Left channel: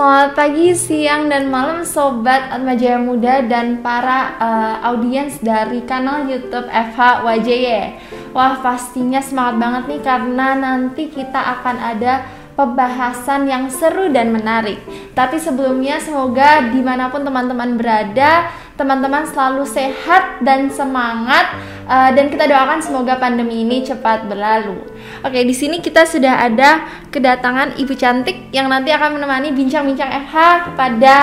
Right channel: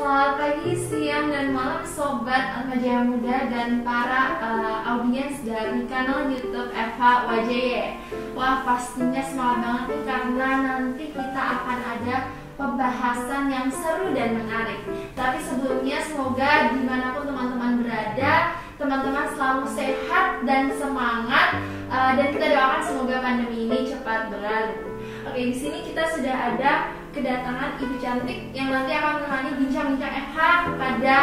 Selamat pagi, siang, dan malam Sobat Atmajaya Muda dan para audiens dari kanal YouTube FH WJY. Wah, pastinya semangat banget nih karena nanti kita akan ada pembahasan yang seru dan menarik. Tapi sebelumnya semoga dimanapun teman-teman berada, teman-teman selalu sehat dan semangat, dan kita doakan semoga pandemi ini cepat berlalu. Oke, di sini kita sudah ada kedatangan Ibu Cantik yang nanti akan menemani bincang-bincang FH pada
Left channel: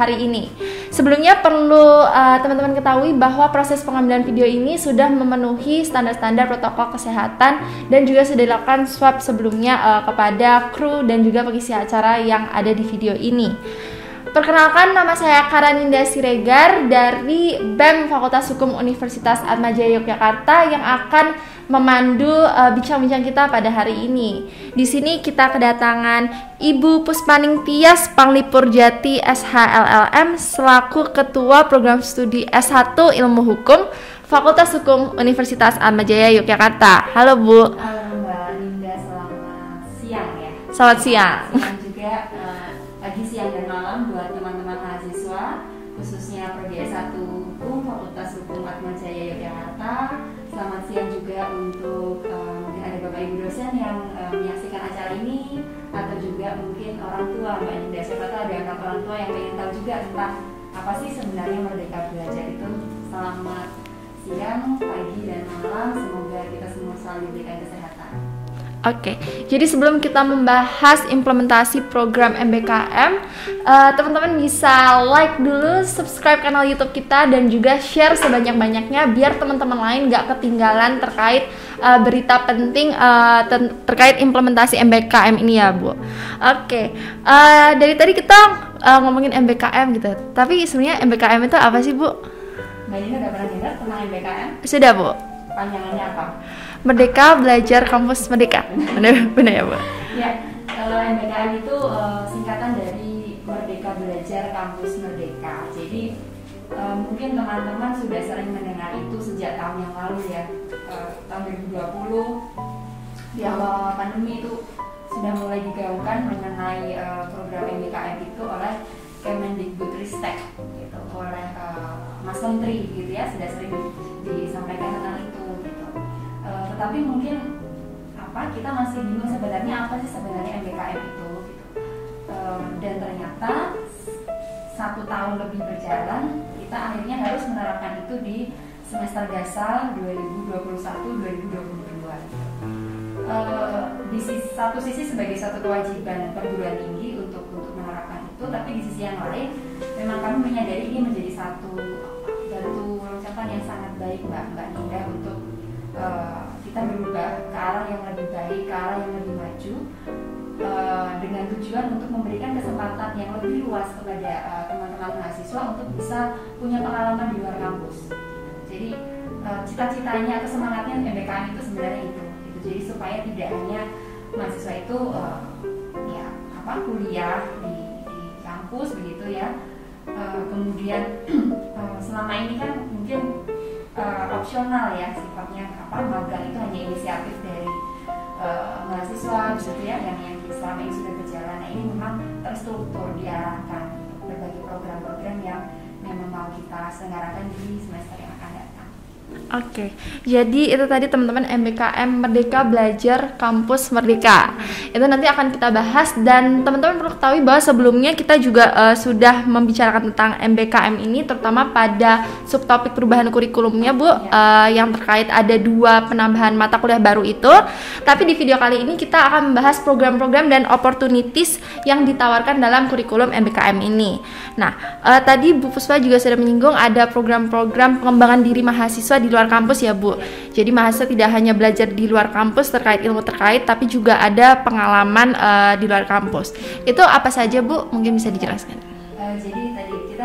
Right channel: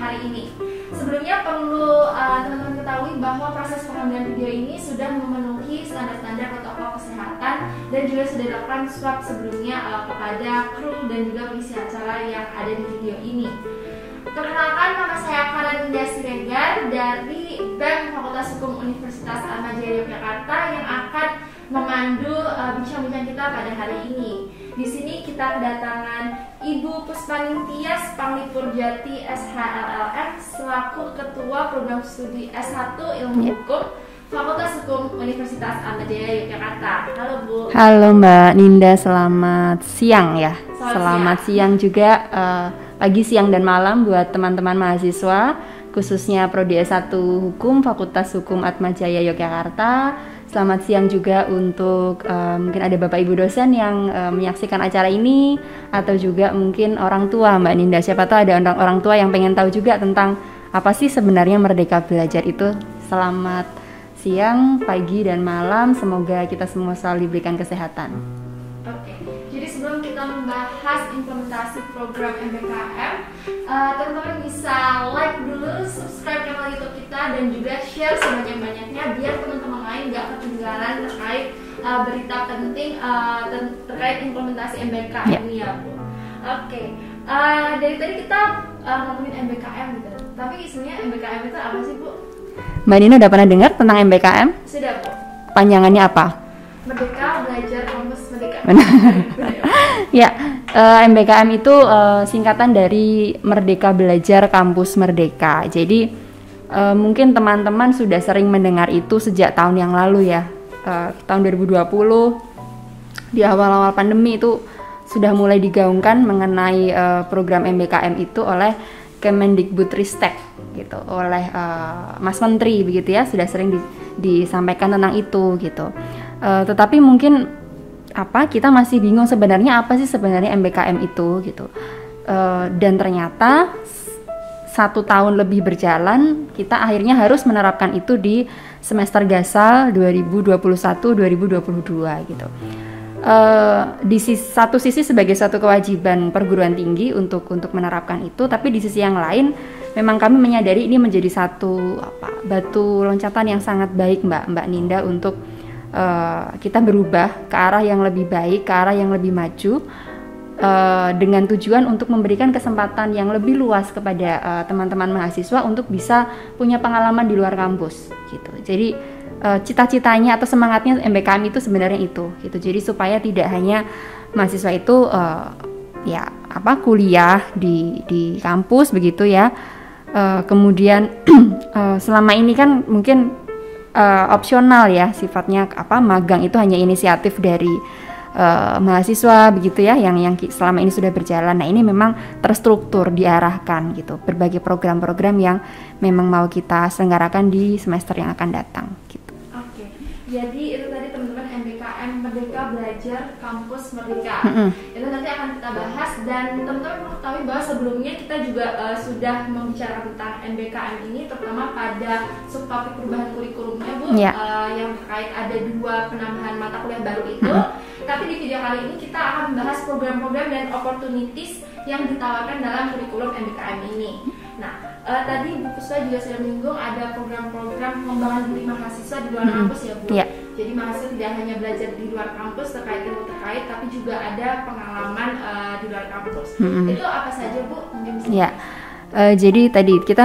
hari ini. Sebelumnya perlu teman-teman ketahui bahwa proses pengambilan video ini sudah memenuhi standar-standar protokol kesehatan dan juga sudah dilakukan swab sebelumnya kepada kru dan juga pengisi acara yang ada di video ini. Perkenalkan, nama saya Karaninda Siregar dari BEM Fakultas Hukum Universitas Atmajaya Yogyakarta yang akan memandu bincang-bincang kita pada hari ini. Di sini kita kedatangan Ibu Puspaning Tias Panglipur Jati SHLLM selaku Ketua Program Studi S1 Ilmu Hukum Fakultas Hukum Universitas Atmajaya Yogyakarta. Halo Bu. Halo Mbak Ninda, selamat siang ya. Selamat siang juga, pagi, siang, dan malam buat teman-teman mahasiswa, khususnya Prodi S1 Hukum Fakultas Hukum Atmajaya Yogyakarta. Selamat siang juga untuk mungkin ada Bapak Ibu dosen yang menyaksikan acara ini, atau juga mungkin orang tua Mbak Ninda. Siapa tahu ada orang tua yang pengen tahu juga tentang apa sih sebenarnya Merdeka Belajar itu. Selamat siang, pagi, dan malam. Semoga kita semua selalu diberikan kesehatan. Oke, jadi sebelum kita membahas implementasi program MBKM, teman-teman bisa like dulu, subscribe kanal YouTube kita, dan juga share sebanyak-banyaknya biar teman-teman lain gak ketinggalan terkait berita penting terkait implementasi MBKM ini ya Bu. Oke, dari tadi kita ngomongin MBKM gitu, tapi sebenarnya MBKM itu apa sih Bu? Mbak Nina udah pernah dengar tentang MBKM? Sudah Bu. Panjangannya apa? Merdeka Belajar Kampus Merdeka. Benar ya Pak? Ya, MBKM itu singkatan dari Merdeka Belajar Kampus Merdeka. Jadi mungkin teman-teman sudah sering mendengar itu sejak tahun yang lalu ya. Tahun 2020 di awal-awal pandemi itu sudah mulai digaungkan mengenai program MBKM itu oleh Kemendikbudristek gitu, oleh Mas Menteri begitu ya, sudah sering disampaikan tentang itu gitu. Tetapi mungkin kita masih bingung sebenarnya apa sih sebenarnya MBKM itu gitu. Dan ternyata 1 tahun lebih berjalan, kita akhirnya harus menerapkan itu di semester gasal 2021-2022 gitu. Di satu sisi sebagai satu kewajiban perguruan tinggi untuk menerapkan itu, tapi di sisi yang lain memang kami menyadari ini menjadi satu batu loncatan yang sangat baik Mbak Ninda untuk kita berubah ke arah yang lebih baik, ke arah yang lebih maju, dengan tujuan untuk memberikan kesempatan yang lebih luas kepada teman-teman mahasiswa untuk bisa punya pengalaman di luar kampus gitu. Jadi cita-citanya atau semangatnya MBKM itu sebenarnya itu gitu. Jadi supaya tidak hanya mahasiswa itu kuliah di kampus begitu ya. Kemudian selama ini kan mungkin opsional ya sifatnya, magang itu hanya inisiatif dari mahasiswa begitu ya, yang selama ini sudah berjalan. Nah, ini memang terstruktur, diarahkan gitu, berbagai program-program yang memang mau kita selenggarakan di semester yang akan datang gitu. Oke, jadi itu tadi teman-teman MBKM Merdeka Belajar Kampus Merdeka. Itu nanti akan kita bahas, dan teman-teman perlu ketahui bahwa sebelumnya kita juga sudah membicarakan tentang MBKM ini, terutama pada subtopik perubahan kurikulumnya Bu, yang terkait ada 2 penambahan mata kuliah baru itu. Tapi di video kali ini kita akan membahas program-program dan opportunities yang ditawarkan dalam kurikulum MBKM ini. Nah, tadi Bu Puspa juga sudah menyinggung ada program-program pengembangan diri mahasiswa di luar kampus ya Bu. Jadi mahasiswa tidak hanya belajar di luar kampus terkait ilmu terkait, tapi juga ada pengalaman di luar kampus. Itu apa saja Bu? Mungkin bisa dijelaskan. Jadi tadi kita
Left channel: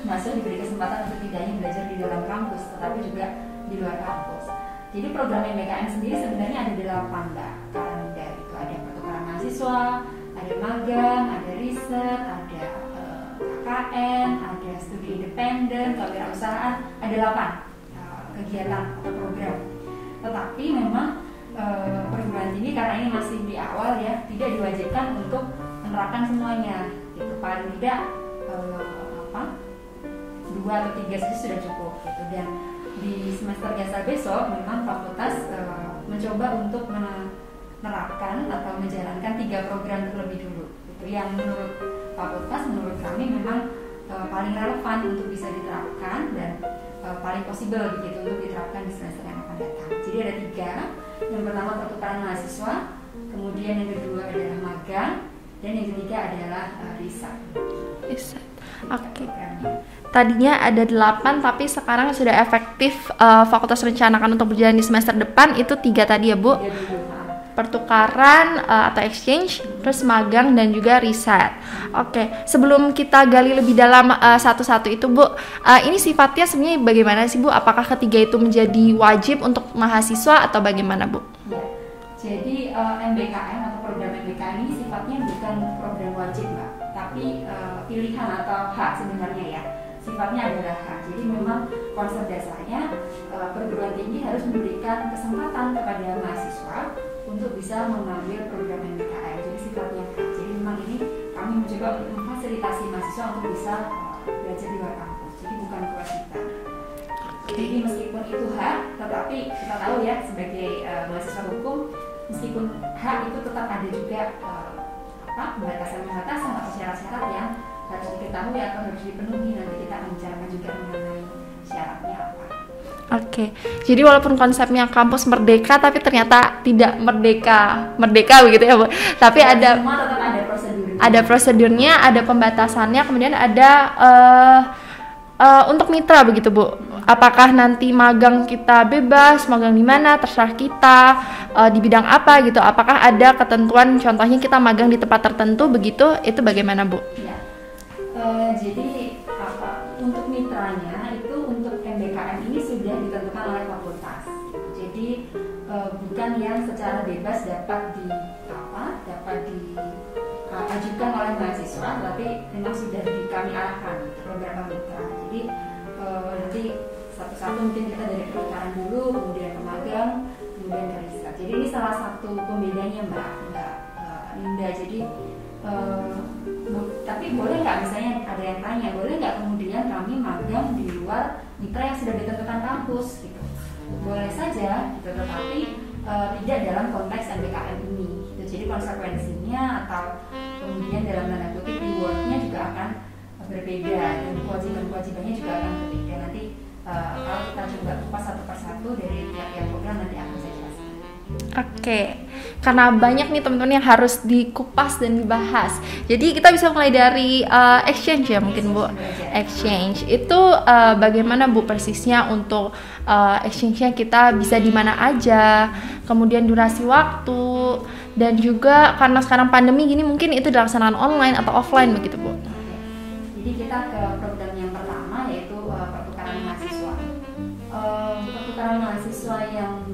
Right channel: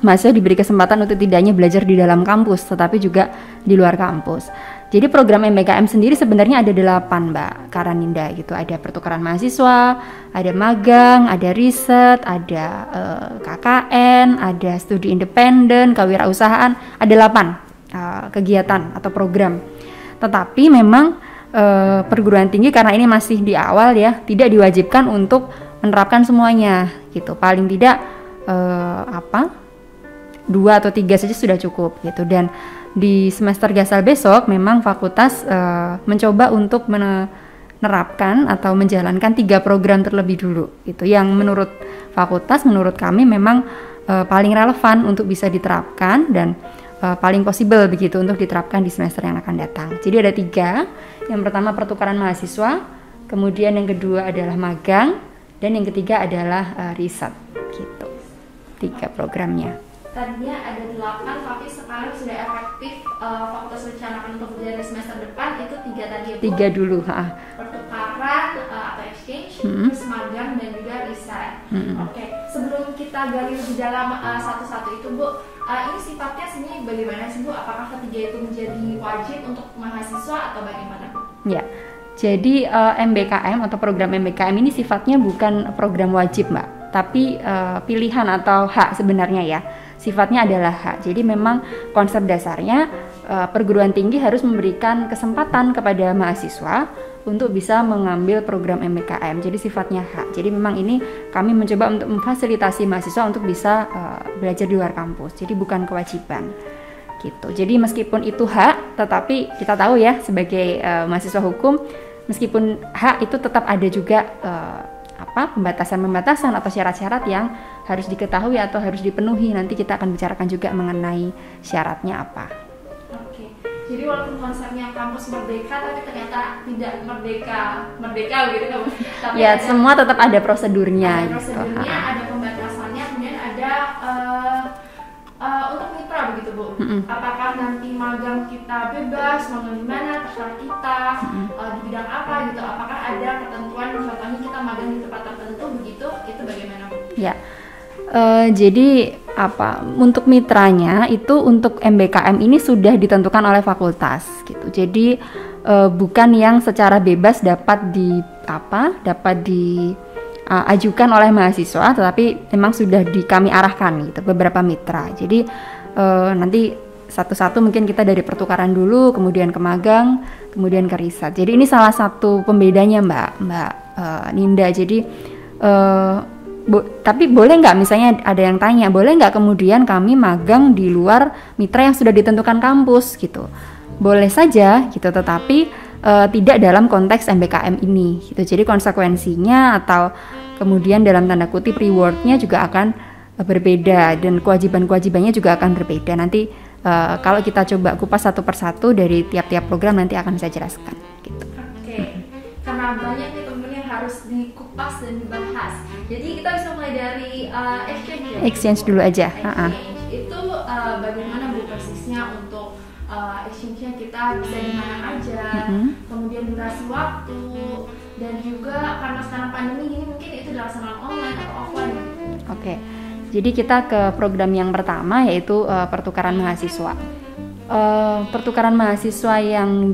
mahasiswa diberi kesempatan untuk tidak hanya belajar di dalam kampus, tetapi juga di luar kampus. Jadi program MBKM sendiri sebenarnya ada 8 Mbak Karaninda gitu. Ada pertukaran mahasiswa, ada magang, ada riset, ada KKN, ada studi independen, kewirausahaan, ada 8 kegiatan atau program. Tetapi memang perguruan tinggi karena ini masih di awal ya, tidak diwajibkan untuk menerapkan semuanya gitu. Paling tidak 2 atau 3 saja sudah cukup gitu. Dan di semester Gasal besok memang fakultas mencoba untuk menerapkan atau menjalankan 3 program terlebih dulu gitu, yang menurut fakultas, menurut kami memang paling relevan untuk bisa diterapkan dan paling possible begitu untuk diterapkan di semester yang akan datang. Jadi ada 3. Yang pertama pertukaran mahasiswa, kemudian yang kedua adalah magang, dan yang ketiga adalah riset gitu. 3 programnya. Tadinya ada 8 tapi sekarang sudah efektif fakultas rencanakan untuk berjalan di semester depan itu 3 tadi ya Bu? 3 dulu. Pertukaran atau exchange, terus magang dan juga riset. Oke, sebelum kita gali lebih dalam satu-satu itu Bu, ini sifatnya sebenarnya bagaimana sih Bu? Apakah ketiga itu menjadi wajib untuk mahasiswa atau bagaimana Bu? Ya, jadi MBKM atau program MBKM ini sifatnya bukan program wajib Mbak, tapi pilihan atau hak sebenarnya ya. Sifatnya adalah hak. Jadi memang konsep dasarnya perguruan tinggi harus memberikan kesempatan kepada mahasiswa untuk bisa mengambil program MBKM. Jadi sifatnya hak. Jadi memang ini kami mencoba untuk memfasilitasi mahasiswa untuk bisa belajar di luar kampus. Jadi bukan kewajiban. Gitu. Jadi meskipun itu hak, tetapi kita tahu ya sebagai mahasiswa hukum, meskipun hak itu tetap ada juga pembatasan-pembatasan atau syarat-syarat yang harus diketahui atau harus dipenuhi. Nanti kita akan bicarakan juga mengenai syaratnya apa. Oke, jadi walaupun konsepnya kampus merdeka, tapi ternyata tidak merdeka begitu ya Bu. Tapi ya, ada semua tetap ada prosedurnya. Ada prosedurnya, ada pembatasannya, kemudian ada untuk mitra begitu Bu. Apakah nanti magang kita bebas, magang di mana terserah kita, di bidang apa gitu. Apakah ada ketentuan, contohnya kita magang di tempat tertentu begitu, itu bagaimana Bu? Ya. Jadi untuk mitranya itu untuk MBKM ini sudah ditentukan oleh fakultas gitu. Jadi bukan yang secara bebas dapat diajukan oleh mahasiswa, tetapi memang sudah kami arahkan gitu beberapa mitra. Jadi nanti satu-satu mungkin kita dari pertukaran dulu, kemudian ke magang, kemudian ke riset. Jadi ini salah satu pembedanya Mbak Ninda. Jadi tapi boleh nggak, misalnya ada yang tanya, boleh nggak kemudian kami magang di luar mitra yang sudah ditentukan kampus gitu? Boleh saja gitu, tetapi tidak dalam konteks MBKM ini gitu. Jadi konsekuensinya atau kemudian dalam tanda kutip rewardnya juga akan berbeda, dan kewajiban-kewajibannya juga akan berbeda. Nanti kalau kita coba kupas satu persatu dari tiap-tiap program, nanti akan saya jelaskan gitu. Oke. Karena banyak nih teman-teman yang harus dikupas dan dibahas. Jadi kita bisa mulai dari exchange ya mungkin Exchange Bu. dulu aja. Exchange itu bagaimana Bu persisnya untuk exchange-nya kita bisa di mana aja, kemudian durasi waktu, dan juga karena sekarang pandemi gini mungkin itu dilaksanakan online atau offline begitu Bu. Oke. Jadi kita ke program yang pertama, yaitu pertukaran mahasiswa. Pertukaran mahasiswa yang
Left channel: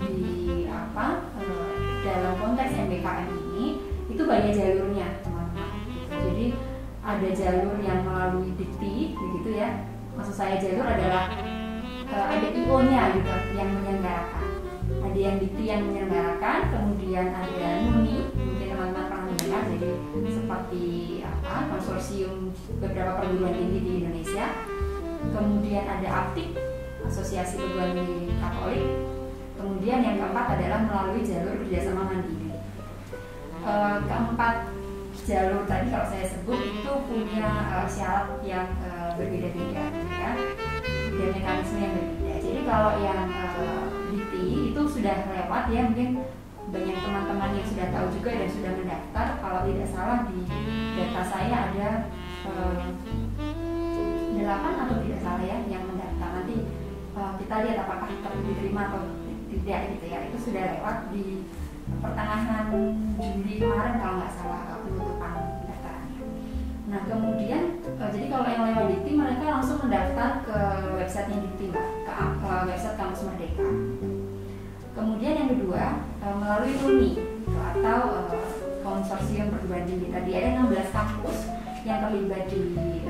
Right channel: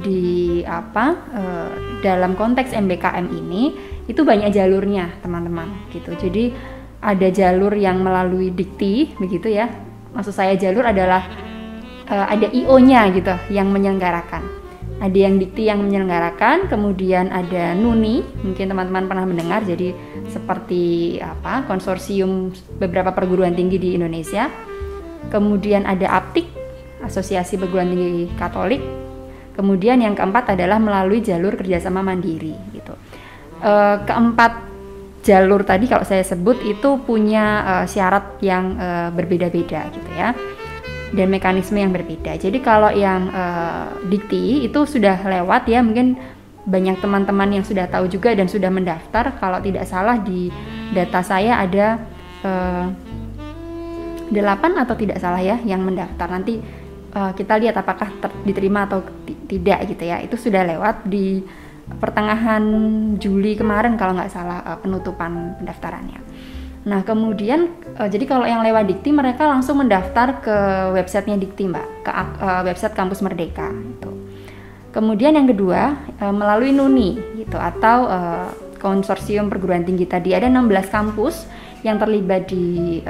dalam konteks MBKM ini itu banyak jalurnya teman-teman gitu. Jadi ada jalur yang melalui dikti begitu ya. Maksud saya jalur adalah ada IO-nya gitu yang menyelenggarakan. Ada yang dikti yang menyelenggarakan, kemudian ada NUNI, mungkin teman-teman pernah mendengar. Jadi seperti konsorsium beberapa perguruan tinggi di Indonesia. Kemudian ada APTIK, Asosiasi Perguruan Tinggi Katolik. Kemudian yang keempat adalah melalui jalur kerjasama mandiri gitu. Keempat jalur tadi kalau saya sebut itu punya syarat yang berbeda-beda gitu ya, dan mekanisme yang berbeda. Jadi kalau yang dikti itu sudah lewat ya, mungkin banyak teman-teman yang sudah tahu juga dan sudah mendaftar. Kalau tidak salah di data saya ada 8 atau tidak salah ya yang mendaftar. Nanti kita lihat apakah diterima atau tidak gitu ya. Itu sudah lewat di pertengahan Juli kemarin kalau nggak salah penutupan pendaftarannya. Nah kemudian jadi kalau yang lewat dikti mereka langsung mendaftar ke websitenya dikti Mbak, ke website Kampus Merdeka gitu. Kemudian yang kedua melalui NUNI gitu, atau konsorsium perguruan tinggi tadi. Ada 16 kampus yang terlibat di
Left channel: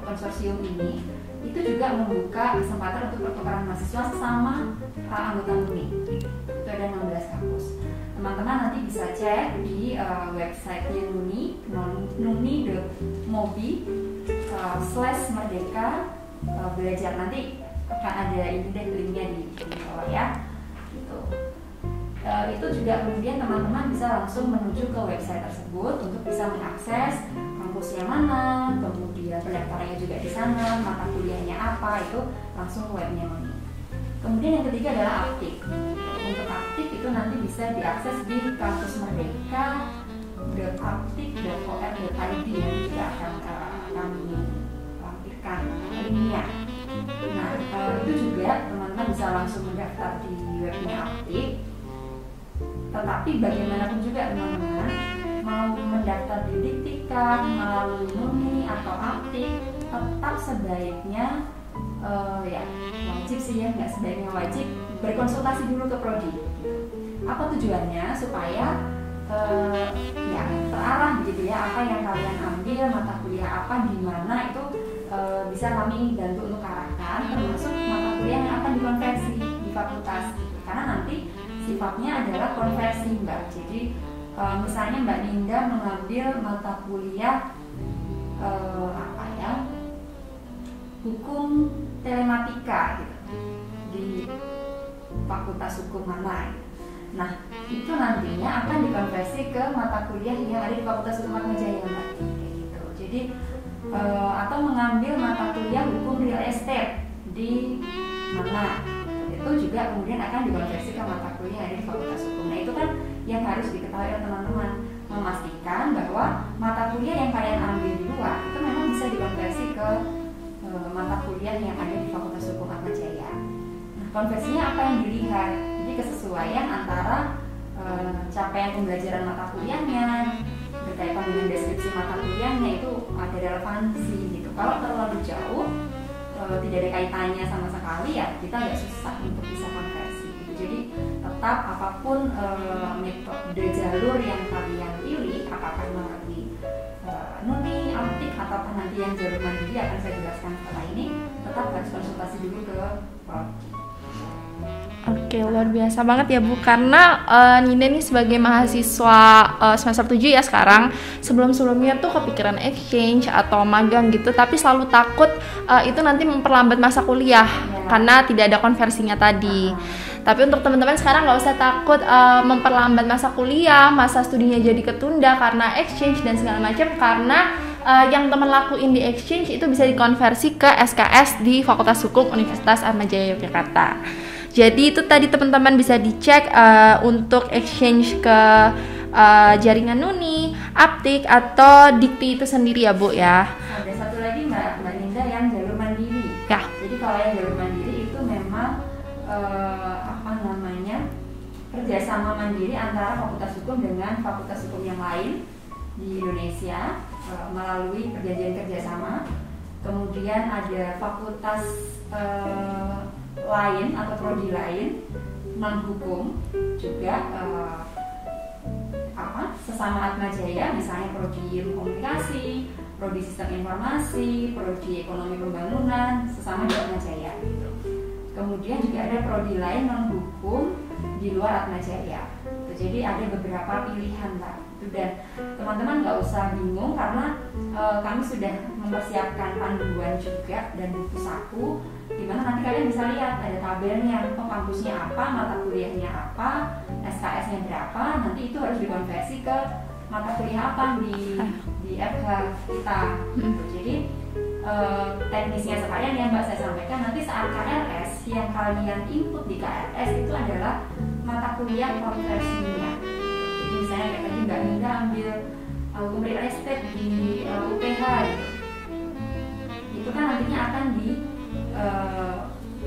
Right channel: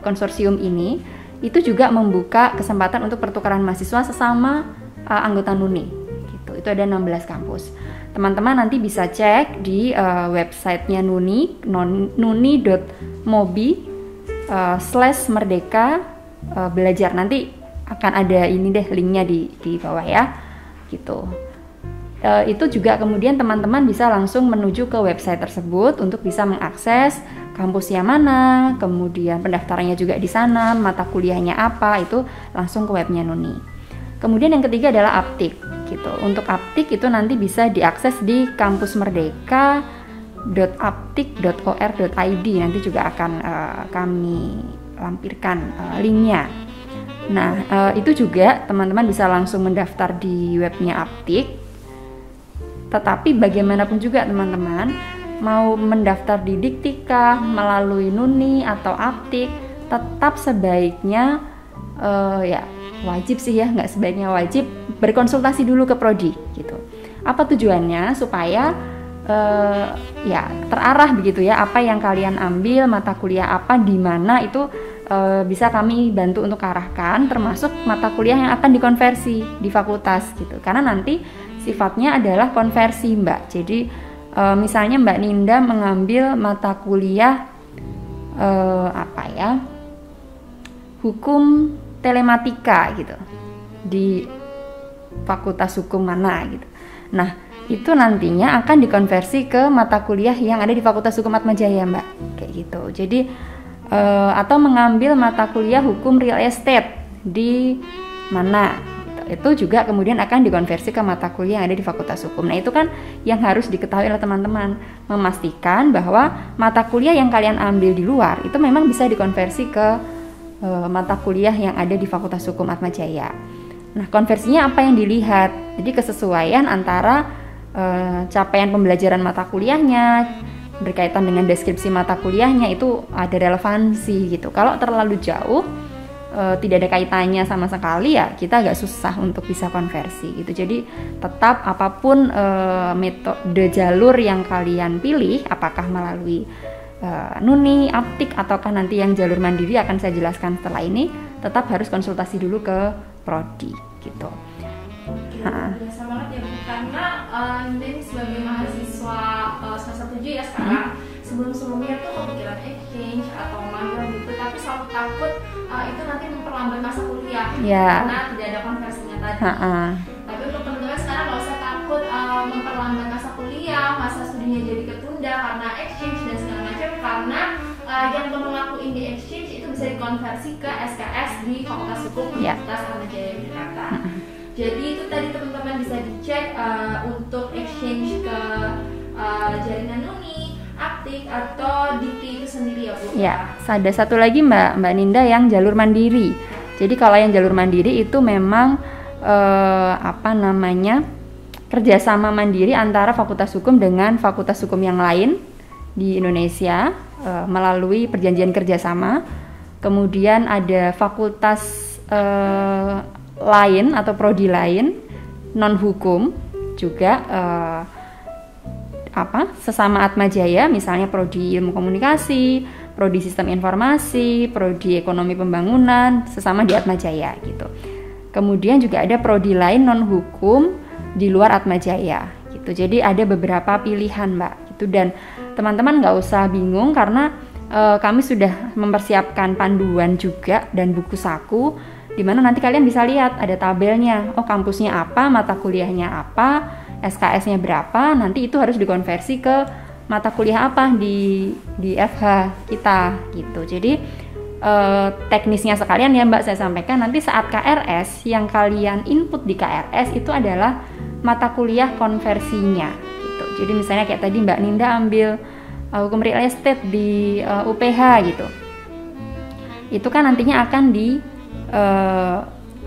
konsorsium ini. Itu juga membuka kesempatan untuk pertukaran mahasiswa sesama anggota NUNI gitu. Itu ada 16 kampus. Teman-teman nanti bisa cek di websitenya Nuni, nuni.mobi/merdeka belajar. Nanti akan ada ini deh linknya di bawah ya, gitu. Itu juga kemudian teman-teman bisa langsung menuju ke website tersebut untuk bisa mengakses kampusnya mana, kemudian pendaftarannya juga di sana, mata kuliahnya apa, itu langsung ke webnya Nuni. Kemudian yang ketiga adalah Aptik, gitu. Untuk Aptik itu nanti bisa diakses di kampusmerdeka.aptik.or.id, nanti juga akan kami lampirkan linknya. Nah, itu juga teman-teman bisa langsung mendaftar di webnya Aptik. Tetapi bagaimanapun juga teman-teman, mau mendaftar di Diktika melalui Nuni atau Aptik, tetap sebaiknya ya wajib sih ya, nggak sebaiknya wajib berkonsultasi dulu ke prodi gitu. Apa tujuannya? Supaya ya terarah begitu ya, apa yang kalian ambil, mata kuliah apa di mana itu bisa kami bantu untuk arahkan, termasuk mata kuliah yang akan dikonversi di fakultas gitu. Karena nanti sifatnya adalah konversi, Mbak. Jadi misalnya Mbak Ninda mengambil mata kuliah hukum telematika gitu di fakultas hukum mana gitu. Nah, itu nantinya akan dikonversi ke mata kuliah yang ada di Fakultas Hukum Atmajaya, Mbak. Kayak gitu. Jadi atau mengambil mata kuliah hukum real estate di mana, itu juga kemudian akan dikonversi ke mata kuliah yang ada di Fakultas Hukum. Nah, itu kan yang harus diketahui oleh teman-teman, memastikan bahwa mata kuliah yang kalian ambil di luar itu memang bisa dikonversi ke mata kuliah yang ada di Fakultas Hukum Atmajaya. Nah, konversinya apa yang dilihat? Jadi kesesuaian antara capaian pembelajaran mata kuliahnya berkaitan dengan deskripsi mata kuliahnya itu ada relevansi gitu. Kalau terlalu jauh, tidak ada kaitannya sama sekali, ya kita agak susah untuk bisa konversi gitu. Jadi tetap apapun metode jalur yang kalian pilih, apakah melalui Nuni, Aptik, ataukah nanti yang jalur mandiri akan saya jelaskan setelah ini, tetap harus konsultasi dulu ke prodi gitu. Oke, luar biasa banget ya Bu, karena Ninda nih sebagai mahasiswa semester 7 ya sekarang, sebelum-sebelumnya tuh kepikiran exchange atau magang gitu, tapi selalu takut itu nanti memperlambat masa kuliah karena tidak ada konversinya tadi. Tapi untuk teman-teman sekarang nggak usah takut memperlambat masa kuliah, masa studinya jadi ketunda karena exchange dan segala macam, karena yang teman lakuin di exchange itu bisa dikonversi ke SKS di Fakultas Hukum Universitas Atmajaya Yogyakarta. Jadi itu tadi teman-teman bisa dicek untuk exchange ke jaringan Nuni, Aptik atau Dikti itu sendiri ya Bu ya. Ada satu lagi Mbak Ninda yang jalur mandiri. Ya. Jadi kalau yang jalur mandiri itu memang kerjasama mandiri antara Fakultas Hukum dengan Fakultas Hukum yang lain di Indonesia melalui perjanjian kerjasama. Kemudian ada fakultas lain atau prodi lain non hukum juga sesama Atmajaya, misalnya prodi ilmu komunikasi, prodi sistem informasi, prodi ekonomi pembangunan, sesama di Atmajaya gitu. Kemudian juga ada prodi lain non hukum di luar Atmajaya gitu. Jadi ada beberapa pilihan Mbak gitu, dan teman-teman nggak usah bingung karena kami sudah mempersiapkan panduan juga dan buku saku, di mana nanti kalian bisa lihat ada tabelnya, oh kampusnya apa, mata kuliahnya apa, SKS-nya berapa, nanti itu harus dikonversi ke mata kuliah apa di FH kita gitu. Jadi teknisnya sekalian ya Mbak saya sampaikan, nanti saat KRS yang kalian input di KRS itu adalah mata kuliah konversinya gitu. Jadi misalnya kayak tadi Mbak Ninda ambil hukum real estate di UPH gitu, itu kan nantinya akan di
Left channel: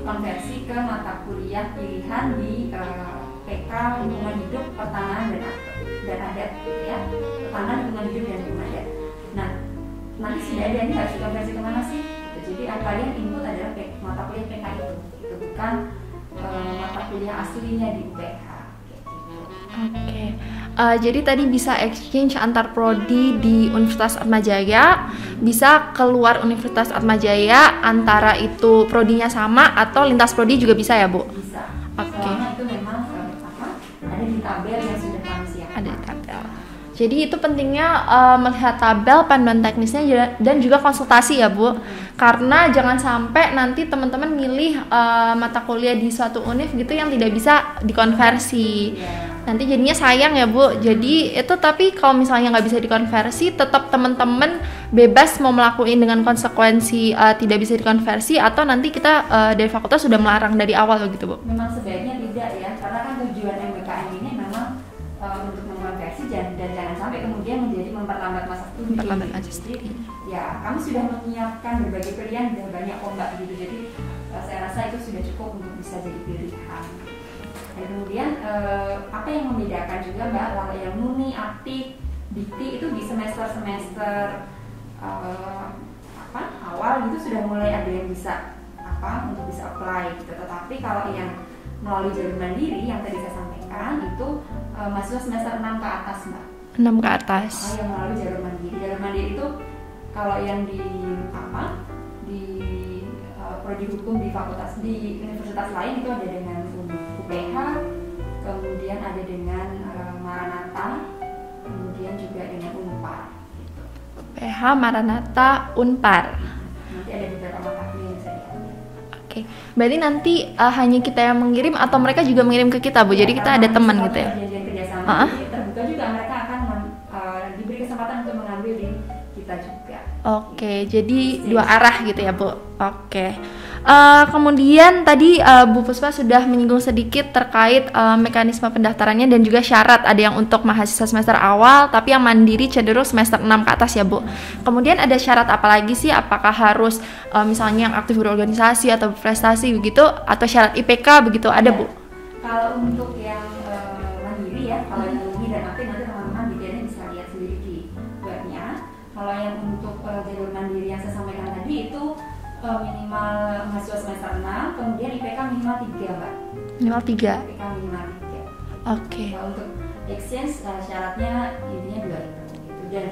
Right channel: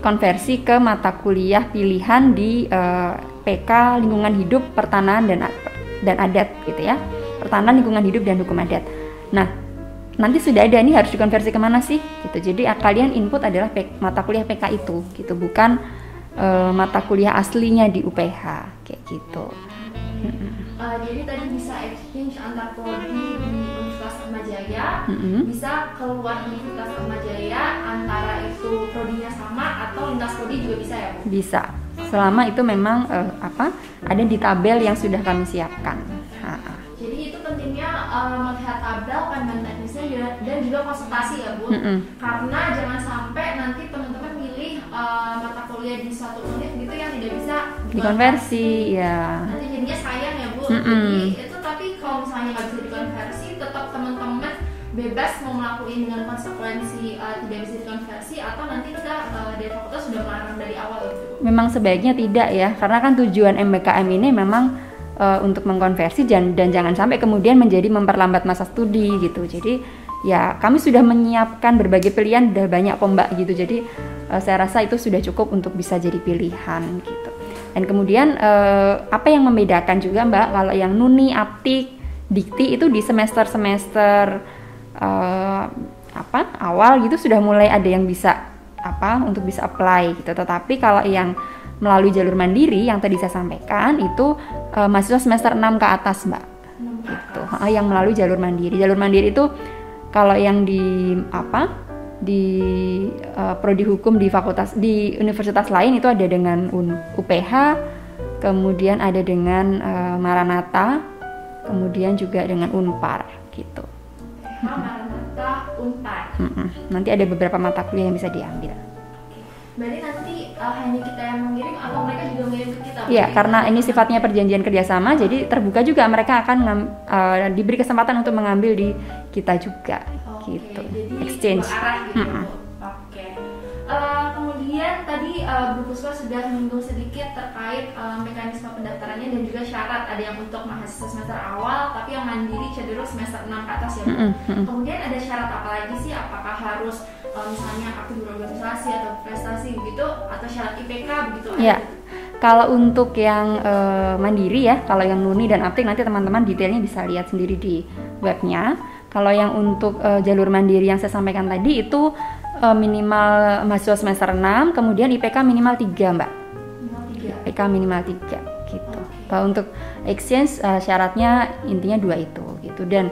konversi ke mata kuliah pilihan di PK lingkungan hidup, pertanahan dan adat gitu ya, pertanahan, lingkungan hidup dan hukum adat. Nah nanti sudah ada, ini harus dikonversi kemana sih gitu. Jadi kalian input adalah mata kuliah PK itu gitu, bukan mata kuliah aslinya di UPH kayak gitu. Jadi tadi bisa exchange antar prodi di Universitas Atmajaya, bisa keluar Universitas Atmajaya, antara itu prodinya sama atau lintas prodi juga bisa ya Bu? Bisa. selama itu memang ada di tabel yang sudah kami siapkan. Jadi itu pentingnya melihat tabel, panduan teknisnya dan juga konsultasi ya Bu. Karena jangan sampai nanti teman-teman milih mata kuliah di suatu univ gitu yang tidak bisa dikonversi. Ya. Nanti jadinya sayang ya Bu. Jadi itu, tapi kalau misalnya nggak bisa dikonversi, tetap teman-teman bebas mau melakukan dengan konsekuensi tidak bisa dikonversi, atau nanti kita dari fakultas sudah melarang dari awal gitu Bu. Memang sebaiknya tidak ya, karena kan tujuan MBKM ini memang untuk mengkonversi dan jangan sampai kemudian menjadi memperlambat masa studi gitu. Jadi ya kami sudah menyiapkan berbagai pilihan, udah banyak kok Mbak gitu. Jadi saya rasa itu sudah cukup untuk bisa jadi pilihan gitu. Dan kemudian apa yang membedakan juga Mbak, kalau yang Nuni, Aptik, Dikti itu di semester awal gitu sudah mulai ada yang bisa untuk bisa apply gitu. Tetapi kalau yang melalui jalur mandiri yang tadi saya sampaikan itu mahasiswa semester 6 ke atas Mbak. 6 ke atas. Yang melalui jalur mandiri. Jalur mandiri itu kalau yang di prodi hukum di fakultas di universitas lain itu ada dengan UPH, kemudian ada dengan Maranatha, kemudian juga dengan Unpar gitu. UPH, Maranatha, Unpar. Nanti ada beberapa mata kuliah yang bisa diambil. Berarti nanti hanya kita yang mengirim atau mereka juga mengirim ke kita Bu? Ya, jadi karena kita ada teman sifatnya gitu ya? Perjanjian kerjasama, jadi terbuka juga mereka akan diberi kesempatan untuk mengambil di kita juga. Oke, gitu. jadi Exchange. dua arah gitu ya Bu. Oke. Kemudian tadi Bu Puspa sudah menyinggung sedikit terkait mekanisme pendaftarannya dan juga syarat. Ada yang untuk mahasiswa semester awal, tapi yang mandiri cenderung semester 6 ke atas ya Bu. Kemudian ada syarat apa lagi sih? Apakah harus misalnya yang aktif berorganisasi atau berprestasi begitu, atau syarat IPK begitu ada Bu? Kalau untuk yang mandiri ya, kalau yang Nuni dan Aptik nanti teman-teman detailnya bisa lihat sendiri di webnya. Kalau yang untuk jalur mandiri yang saya sampaikan tadi itu minimal mahasiswa semester 6, kemudian IPK minimal 3 Mbak. Minimal 3? IPK minimal 3 gitu. Oke. Kalau untuk exchange syaratnya intinya 2 itu gitu. Dan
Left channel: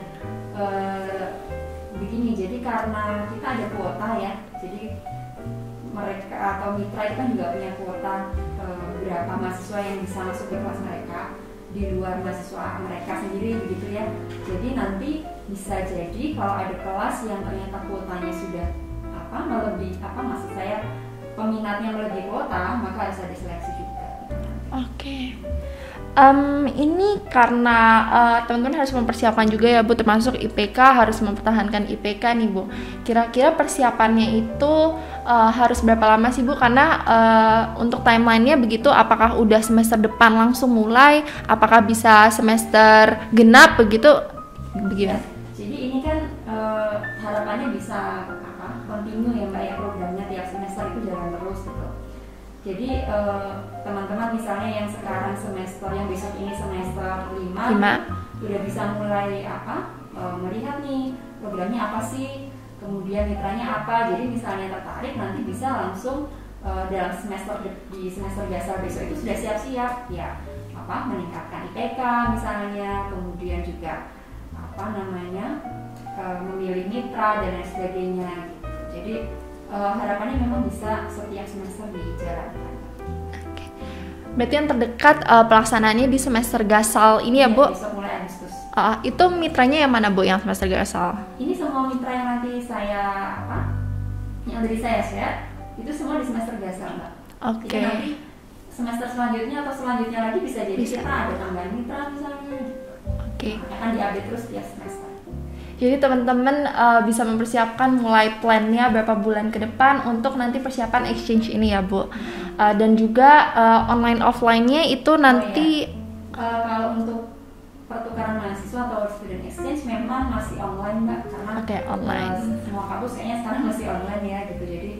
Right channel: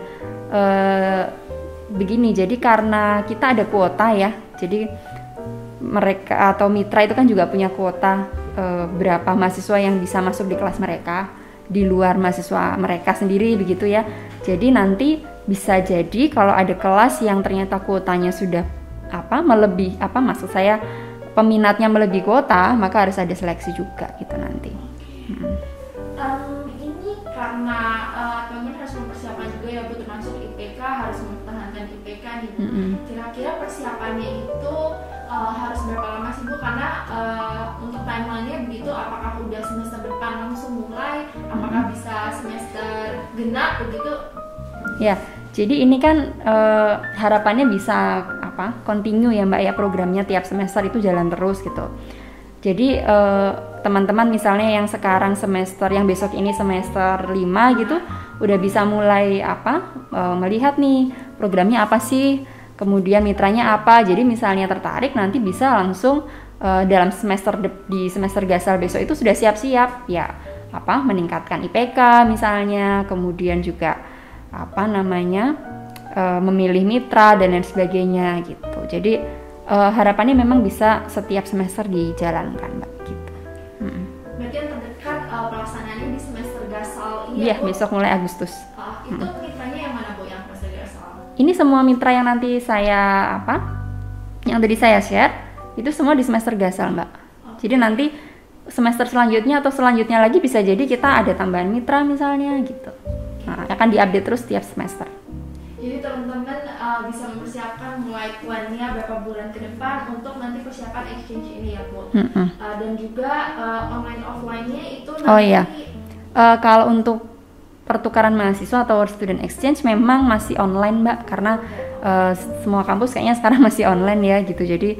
begini, jadi karena kita ada kuota ya, jadi mereka atau mitra itu kan juga punya kuota berapa mahasiswa yang bisa masuk di kelas mereka di luar mahasiswa mereka sendiri begitu ya. Jadi nanti bisa jadi kalau ada kelas yang ternyata kuotanya sudah melebihi maksud saya peminatnya melebihi kuota, maka harus ada seleksi juga gitu nanti. Oke. Ini karena teman-teman harus mempersiapkan juga ya Bu, termasuk IPK, harus mempertahankan IPK nih Bu. Kira-kira persiapannya itu harus berapa lama sih Bu? Karena untuk timelinenya begitu, apakah udah semester depan langsung mulai? Apakah bisa semester genap begitu? Ya, jadi ini kan harapannya bisa continue ya Mbak ya, programnya tiap semester itu jalan terus gitu. Jadi teman-teman misalnya yang sekarang semester, yang besok ini semester 5 gitu, udah bisa mulai melihat nih programnya apa sih, kemudian mitranya apa. Jadi misalnya tertarik nanti bisa langsung dalam di semester gasal besok itu sudah siap-siap ya meningkatkan IPK misalnya, kemudian juga memilih mitra dan lain sebagainya gitu. Jadi harapannya memang bisa setiap semester dijalankan Mbak gitu. Berarti yang terdekat pelaksanaannya di semester gasal ini ya Bu? Besok mulai Agustus. Itu mitranya yang mana Bu yang semester gasal? Ini semua mitra yang nanti yang tadi saya share itu semua di semester gasal Mbak. Jadi nanti semester selanjutnya atau selanjutnya lagi bisa jadi kita ada tambahan mitra misalnya gitu. Akan diupdate terus tiap semester. Jadi teman-teman bisa mempersiapkan mulai plannya berapa bulan ke depan untuk nanti persiapan exchange ini ya Bu. Dan juga online offline-nya itu nanti kalau untuk pertukaran mahasiswa atau student exchange memang masih online Mbak, karena semua kampus kayaknya sekarang masih online ya gitu. Jadi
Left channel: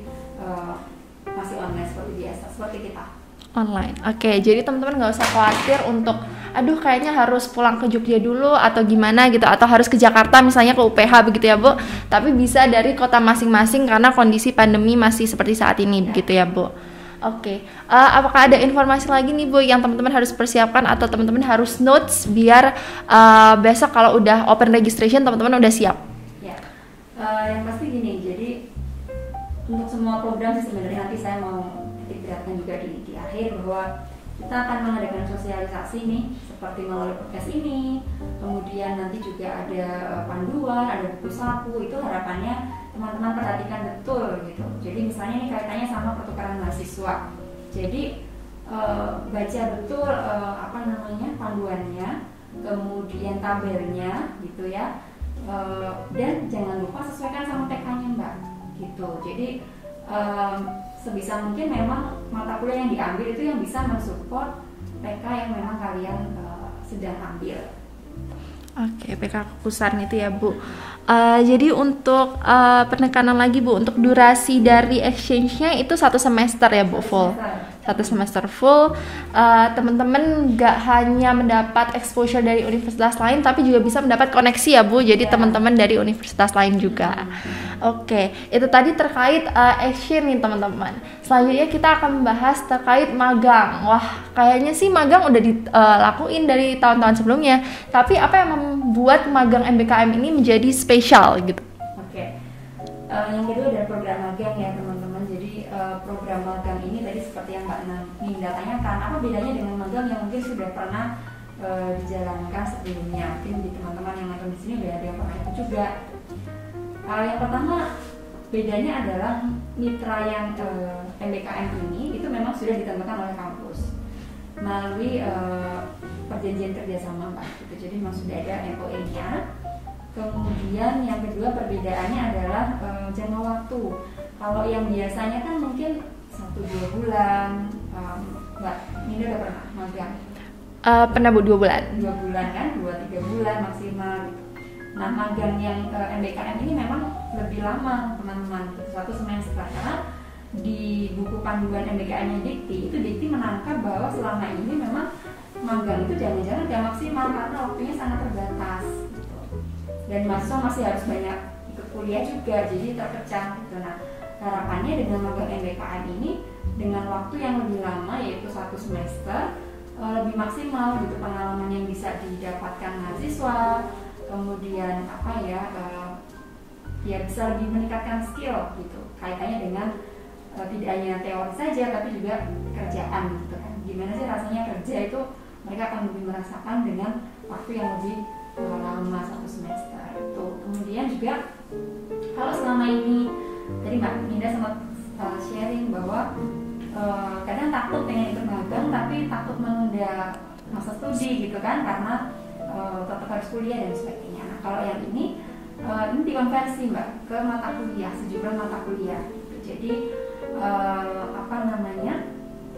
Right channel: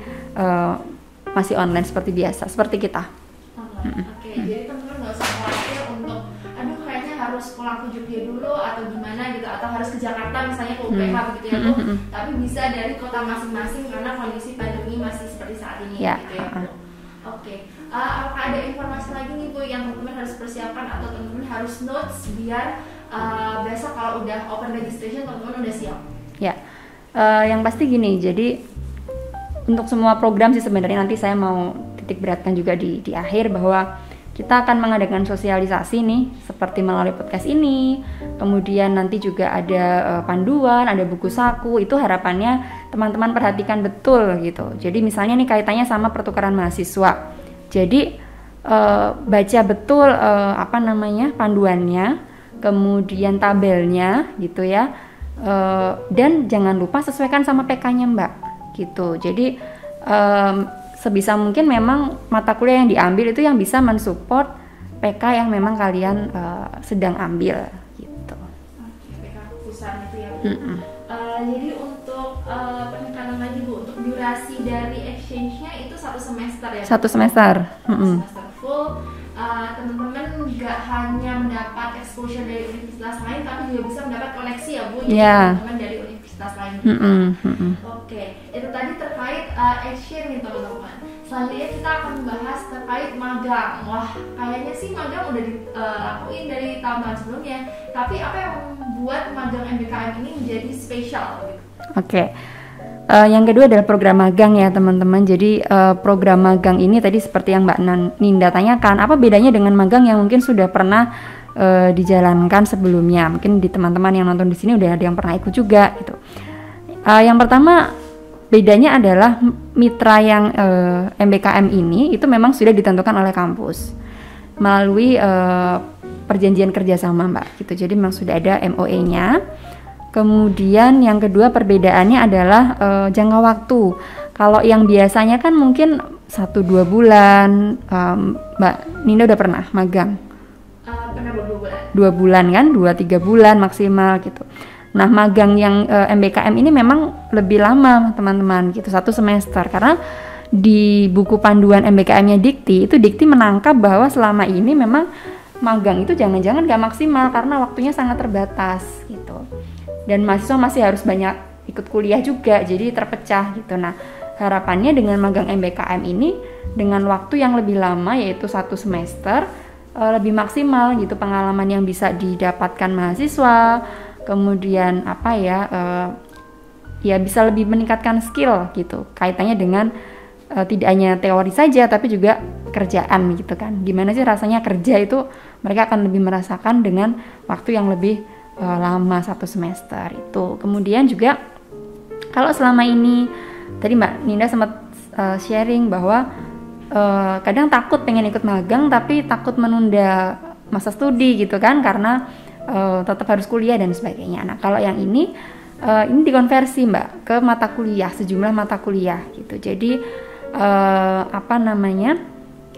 masih online seperti biasa, seperti kita. Online. Jadi teman-teman nggak usah khawatir untuk aduh kayaknya harus pulang ke Jogja dulu atau gimana gitu, atau harus ke Jakarta misalnya ke UPH begitu ya Bu. Tapi bisa dari kota masing-masing karena kondisi pandemi masih seperti saat ini begitu ya Bu. Apakah ada informasi lagi nih Bu yang teman-teman harus persiapkan atau teman-teman harus notes biar besok kalau udah open registration teman-teman udah siap? Ya, yang pasti gini, jadi untuk semua program sih sebenarnya nanti saya mau titik beratkan juga di akhir bahwa kita akan mengadakan sosialisasi nih seperti melalui podcast ini, kemudian nanti juga ada panduan, ada buku saku. Itu harapannya teman-teman perhatikan betul gitu. Jadi misalnya nih kaitannya sama pertukaran mahasiswa. Jadi baca betul panduannya, kemudian tabelnya gitu ya, dan jangan lupa sesuaikan sama PK-nya Mbak gitu. Jadi sebisa mungkin memang mata kuliah yang diambil itu yang bisa mensupport PK yang memang kalian sedang ambil gitu. Oke, PK keputusan itu ya Bu. Jadi untuk penekanan lagi Bu, untuk durasi dari exchange-nya itu 1 semester ya Bu? Satu semester. Satu semester full. Teman-teman nggak hanya mendapat exposure dari universitas lain, tapi juga bisa mendapat koneksi ya Bu. Jadi teman-teman dari universitas lain juga. Oke, itu tadi terkait exchange nih teman-teman. Selanjutnya kita akan membahas terkait magang. Wah, kayaknya sih magang udah dilakuin dari tahun-tahun sebelumnya. Tapi apa yang membuat magang MBKM ini menjadi spesial gitu? Oke. Yang kedua adalah program magang ya teman-teman. Jadi program magang ini tadi seperti yang Mbak Ninda tanyakan, apa bedanya dengan magang yang mungkin sudah pernah dijalankan sebelumnya? Mungkin di teman-teman yang nonton di sini udah ada yang pernah ikut juga gitu. Yang pertama, bedanya adalah mitra yang MBKM ini itu memang sudah ditentukan oleh kampus melalui perjanjian kerjasama Mbak gitu. Jadi memang sudah ada MOE-nya. Kemudian yang kedua perbedaannya adalah jangka waktu. Kalau yang biasanya kan mungkin 1-2 bulan, Mbak Ninda udah pernah magang? Pernah Bu, 2 bulan. 2 bulan kan, 2-3 bulan maksimal gitu. Nah magang yang MBKM ini memang lebih lama teman-teman gitu, 1 semester. Karena di buku panduan MBKM-nya Dikti, itu Dikti menangkap bahwa selama ini memang magang itu jangan-jangan gak maksimal karena waktunya sangat terbatas gitu. Dan mahasiswa masih harus banyak ikut kuliah juga, jadi terpecah gitu. Nah harapannya dengan magang MBKM ini dengan waktu yang lebih lama yaitu 1 semester, lebih maksimal gitu pengalaman yang bisa didapatkan mahasiswa. Kemudian ya bisa lebih meningkatkan skill gitu, kaitannya dengan tidak hanya teori saja tapi juga kerjaan gitu kan. Gimana sih rasanya kerja itu, mereka akan lebih merasakan dengan waktu yang lebih lama 1 semester itu. Kemudian juga kalau selama ini tadi Mbak Ninda sempat sharing bahwa kadang takut pengen ikut magang tapi takut menunda masa studi gitu kan, karena tetap harus kuliah dan sebagainya. Nah kalau yang ini dikonversi Mbak ke mata kuliah, sejumlah mata kuliah gitu. Jadi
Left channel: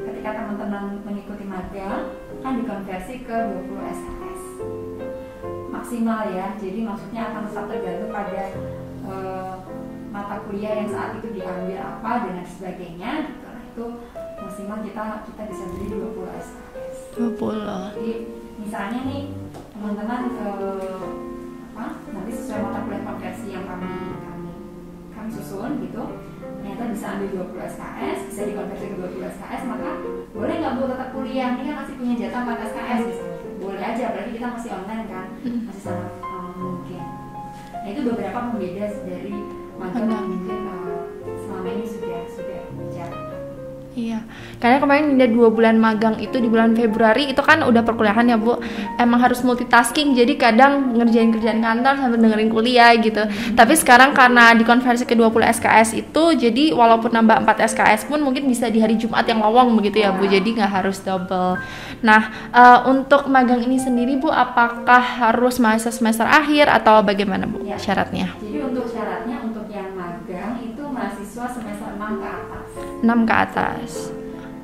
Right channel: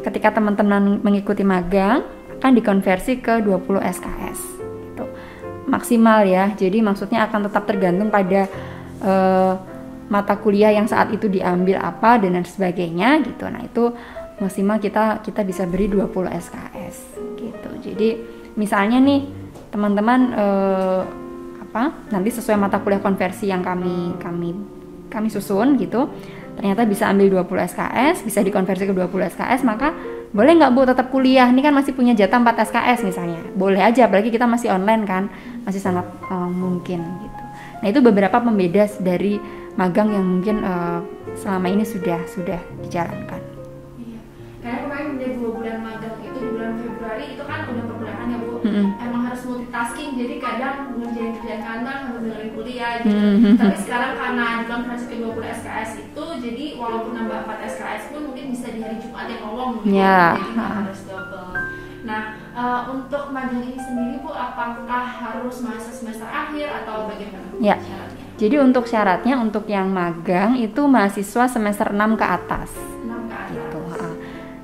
ketika teman-teman mengikuti magang akan dikonversi ke 20 SKS gitu. Maksimal ya. Jadi maksudnya akan tetap tergantung pada mata kuliah yang saat itu diambil apa dan sebagainya gitu. Nah itu maksimal kita bisa beri 20 SKS 20. Jadi misalnya nih teman-teman nanti sesuai mata kuliah konversi yang kami susun gitu, ternyata bisa ambil 20 SKS, bisa dikonversi ke 20 SKS, maka boleh nggak Bu tetap kuliah? Ini kan masih punya jatah 4 SKS misalnya. Boleh aja, apalagi kita masih online kan, masih sangat mungkin gitu. Nah itu beberapa pembeda dari magang yang mungkin selama ini sudah dijalankan. Iya, karena kemarin ada 2 bulan magang itu di bulan Februari, itu kan udah perkuliahan ya Bu. Emang harus multitasking, jadi kadang ngerjain kerjaan kantor sambil dengerin kuliah gitu. Tapi sekarang karena dikonversi ke 20 SKS itu, jadi walaupun nambah 4 SKS pun mungkin bisa di hari Jumat yang lowong begitu ya Bu. Jadi nggak harus double. Nah untuk magang ini sendiri Bu, apakah harus mahasiswa semester akhir atau bagaimana Bu syaratnya? Jadi untuk syaratnya untuk yang magang itu mahasiswa semester 6 ke atas. 6 ke atas.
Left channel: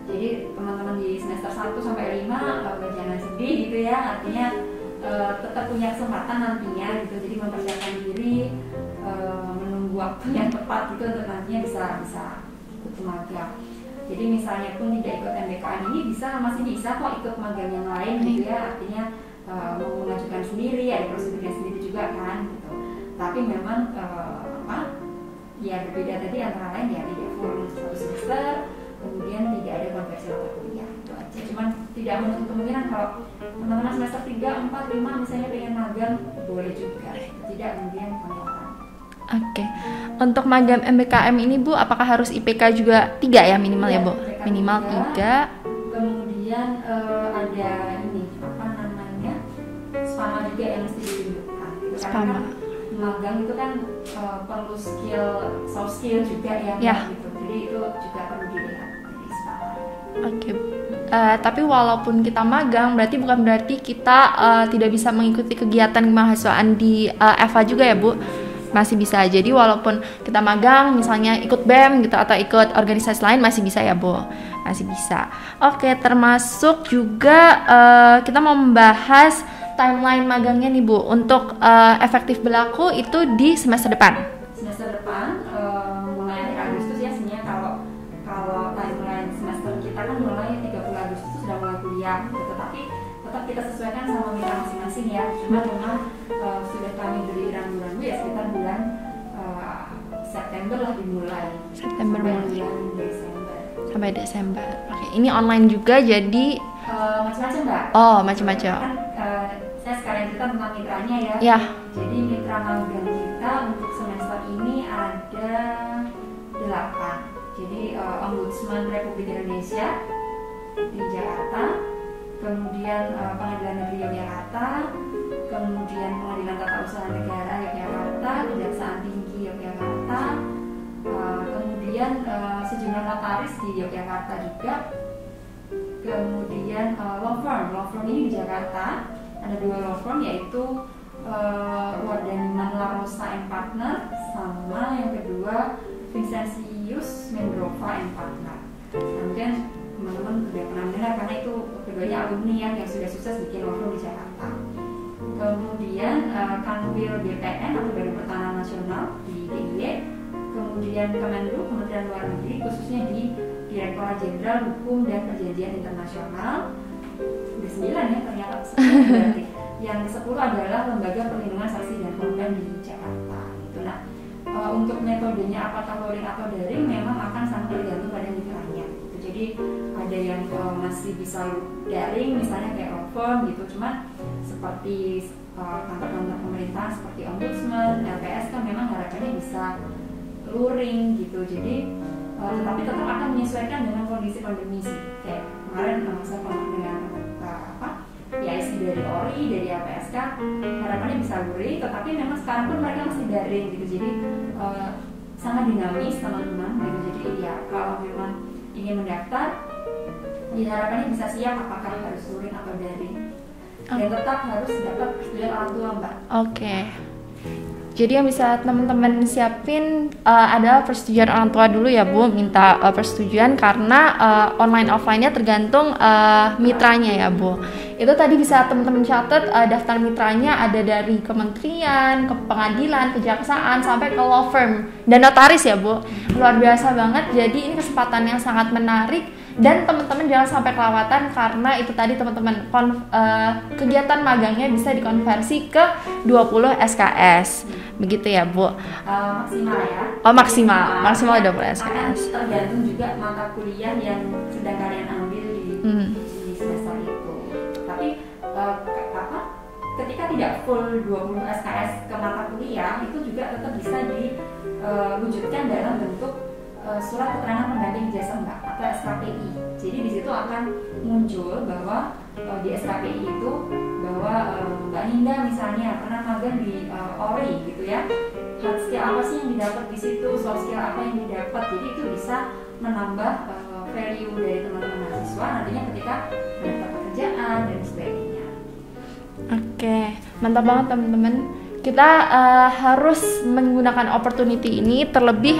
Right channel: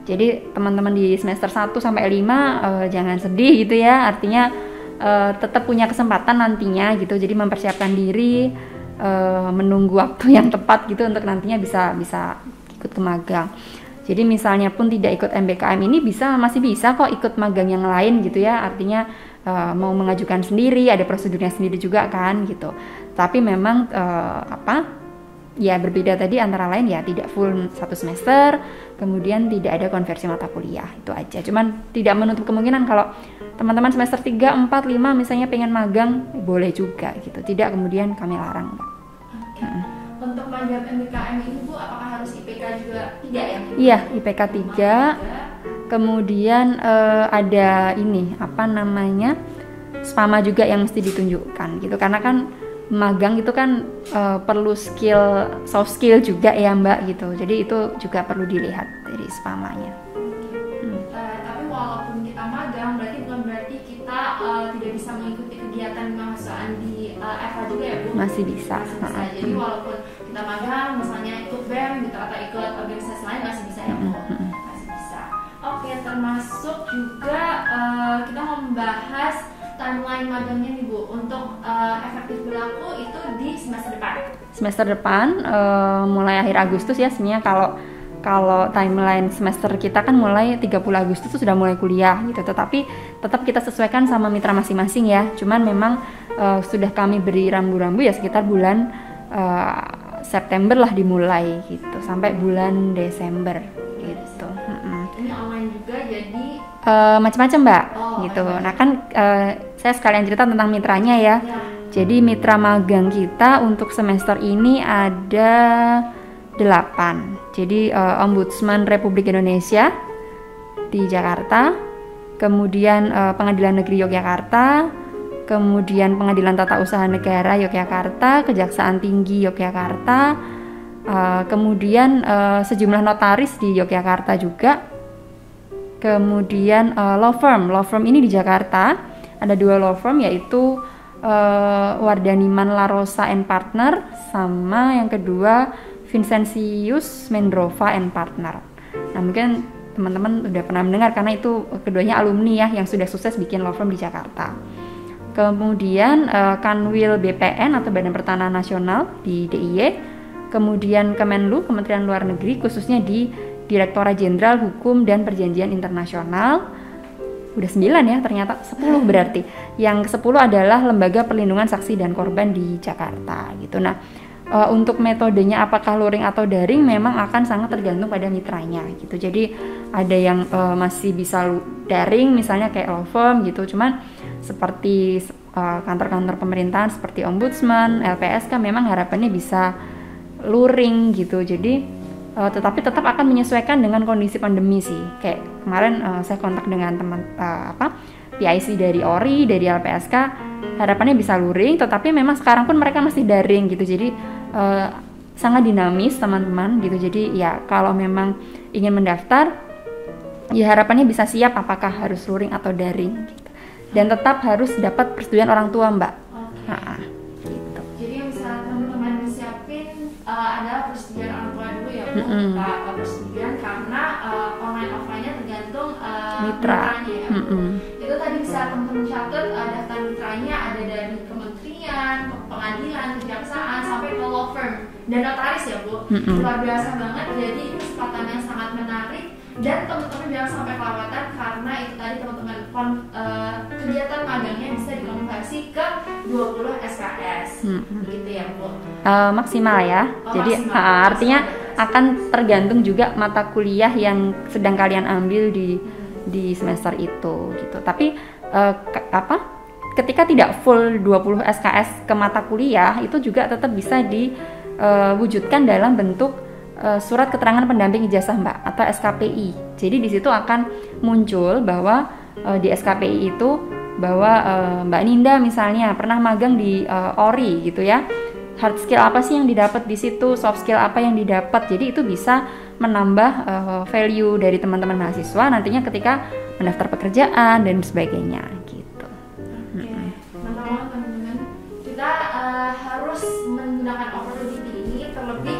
Jadi teman-teman di semester 1 sampai 5 jangan sedih gitu ya. Artinya tetap punya kesempatan nantinya gitu. Jadi mempersiapkan diri, menunggu waktu yang tepat gitu untuk nantinya bisa ikut ke magang. Jadi misalnya pun tidak ikut MBKM ini masih bisa kok ikut magang yang lain gitu ya. Artinya mau mengajukan sendiri, ada prosedurnya sendiri juga kan gitu. Tapi memang ya berbeda tadi antara lain ya tidak full 1 semester, kemudian tidak ada konversi mata kuliah, itu aja. Cuman tidak menutup kemungkinan kalau teman-teman semester 3, 4, 5 misalnya pengen magang, boleh juga gitu. Tidak kemudian kami larang. Oke. Untuk magang MBKM ini Bu, apakah harus IPK juga 3 ya minimal? Iya, Bu? IPK minimal 3. Kemudian ada ini apa namanya, SPAMA juga yang mesti ditunjukkan gitu, karena kan magang itu kan perlu soft skill juga ya Mbak gitu, jadi itu juga perlu dilihat dari SPAMA-nya. Oke. Tapi walaupun kita magang, bukan berarti kita tidak bisa mengikuti kegiatan kemahasiswaan di EVA juga ya Bu? Masih bisa. Jadi walaupun kita magang, misalnya ikut BEM gitu atau ikut organisasi lain masih bisa ya Bu? Masih bisa. Oke, termasuk juga kita mau membahas timeline magangnya nih Bu. Untuk efektif berlaku itu di semester depan. Semester depan mulai akhir Agustus ya, sebenarnya kalau timeline semester kita kan mulai 30 Agustus itu sudah mulai kuliah gitu, tetapi tetap kita sesuaikan sama mitra masing-masing ya. Cuman memang sudah kami beri rambu-rambu ya sekitar bulan September lah dimulai gitu, sampai bulan Desember. Ini online juga, jadi macam-macam Mbak. Oh, gitu. macam-macam. Nah, kan saya sekalian cerita tentang mitranya ya. Jadi mitra magang kita untuk semester ini ada 8. Jadi Ombudsman Republik Indonesia di Jakarta, kemudian Pengadilan Negeri Yogyakarta, kemudian Pengadilan Tata Usaha Negara Yogyakarta, Kejaksaan Tinggi Yogyakarta, kemudian sejumlah notaris di Yogyakarta juga, kemudian law firm ini di Jakarta ada 2 law firm, yaitu Wardaniman La Rosa and Partner, sama yang kedua Vincentius Mendrova and Partner. Nah, mungkin teman-teman udah pernah mendengar karena itu keduanya alumni ya yang sudah sukses bikin law firm di Jakarta. Kemudian Kanwil BPN atau Badan Pertanahan Nasional di DIY, kemudian Kemenlu, Kementerian Luar Negeri, khususnya di Direktorat Jenderal Hukum dan Perjanjian Internasional. Udah 9 ya, ternyata 10 berarti. Yang ke-10 adalah Lembaga Perlindungan Saksi dan Korban di Jakarta gitu. Nah, untuk metodenya apakah luring atau daring memang akan sangat tergantung pada mitranya gitu. Jadi ada yang masih bisa daring misalnya kayak law firm gitu, cuman seperti kantor-kantor pemerintahan seperti Ombudsman, LPSK memang harapannya bisa luring gitu. Jadi tetapi tetap akan menyesuaikan dengan kondisi pandemi sih. Kayak kemarin saya kontak dengan teman PIC dari ORI, dari LPSK, harapannya bisa luring, tetapi memang sekarang pun mereka masih daring gitu. Jadi sangat dinamis teman-teman gitu. Jadi ya kalau memang ingin mendaftar, ya harapannya bisa siap apakah harus luring atau daring gitu. Dan tetap harus dapat persetujuan orang tua Mbak. Oke. Jadi yang bisa teman-teman siapin adalah persetujuan orang tua dulu ya Bu, minta persetujuan karena online offline-nya tergantung mitranya ya Bu. Itu tadi bisa teman-teman catat, daftar mitranya ada dari kementerian, ke pengadilan, kejaksaan, sampai ke law firm dan notaris ya Bu. Luar biasa banget, jadi ini kesempatan yang sangat menarik. Dan teman-teman jangan sampai kelewatan karena itu tadi teman-teman kegiatan magangnya bisa dikonversi ke 20 SKS. Begitu ya Bu. Maksimal ya. Oh, maksimal. Artinya akan tergantung juga mata kuliah yang sedang kalian ambil di semester itu gitu. Tapi ketika tidak full 20 SKS ke mata kuliah itu juga tetap bisa diwujudkan dalam bentuk surat keterangan pendamping ijazah Mbak atau SKPI. Jadi di situ akan muncul bahwa di SKPI itu bahwa Mbak Ninda misalnya pernah magang di ORI gitu ya. Hard skill apa sih yang didapat di situ, soft skill apa yang didapat. Jadi itu bisa menambah value dari teman-teman mahasiswa nantinya ketika mendaftar pekerjaan dan sebagainya gitu. Oke, mantap banget teman-teman. Kita harus menggunakan opportunity ini, terlebih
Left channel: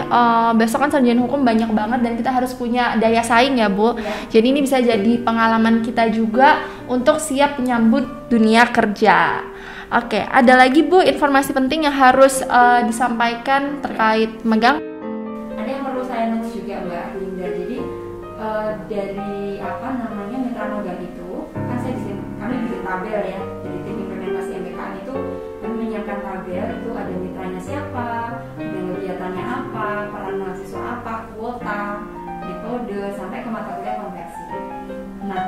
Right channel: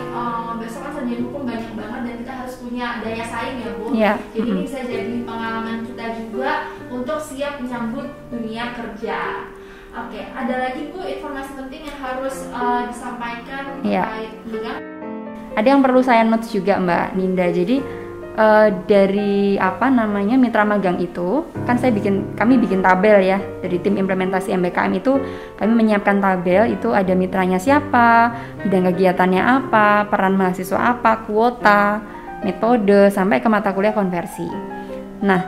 besok kan sarjana hukum banyak banget dan kita harus punya daya saing ya Bu. Jadi ini bisa jadi pengalaman kita juga untuk siap menyambut dunia kerja. Oke, ada lagi Bu informasi penting yang harus disampaikan terkait magang? Ada yang perlu saya notes juga Mbak Ninda. Jadi dari mitra magang itu kan kami bikin tabel ya, dari tim implementasi MBKM itu kami menyiapkan tabel, itu ada mitranya siapa, bidang kegiatannya apa, peran mahasiswa apa, kuota, metode, sampai ke mata kuliah konversi. Nah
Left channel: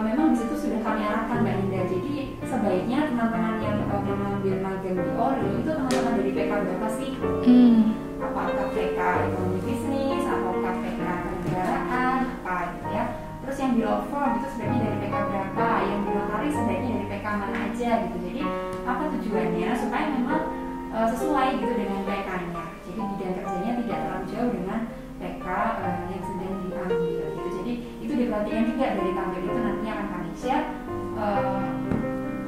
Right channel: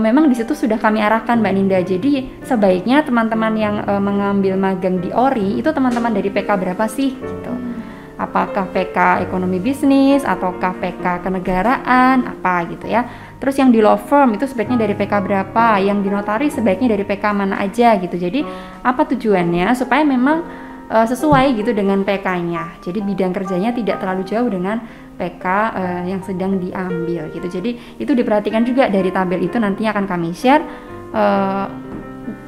memang di situ sudah kami arahkan Mbak Ninda. Jadi sebaiknya teman-teman yang mengambil magang di ORI itu teman-teman dari PK berapa sih? Apakah PK ekonomi bisnis ataukah PK kenegaraan apa gitu ya. Terus yang di law firm itu sebaiknya dari PK berapa, yang di notaris sebaiknya dari PK mana aja gitu. Jadi apa tujuannya supaya memang sesuai gitu dengan PK-nya. Jadi bidang kerjanya tidak terlalu jauh dengan PK yang sedang diambil gitu. Jadi itu diperhatikan juga dari tabel itu, nantinya akan kami share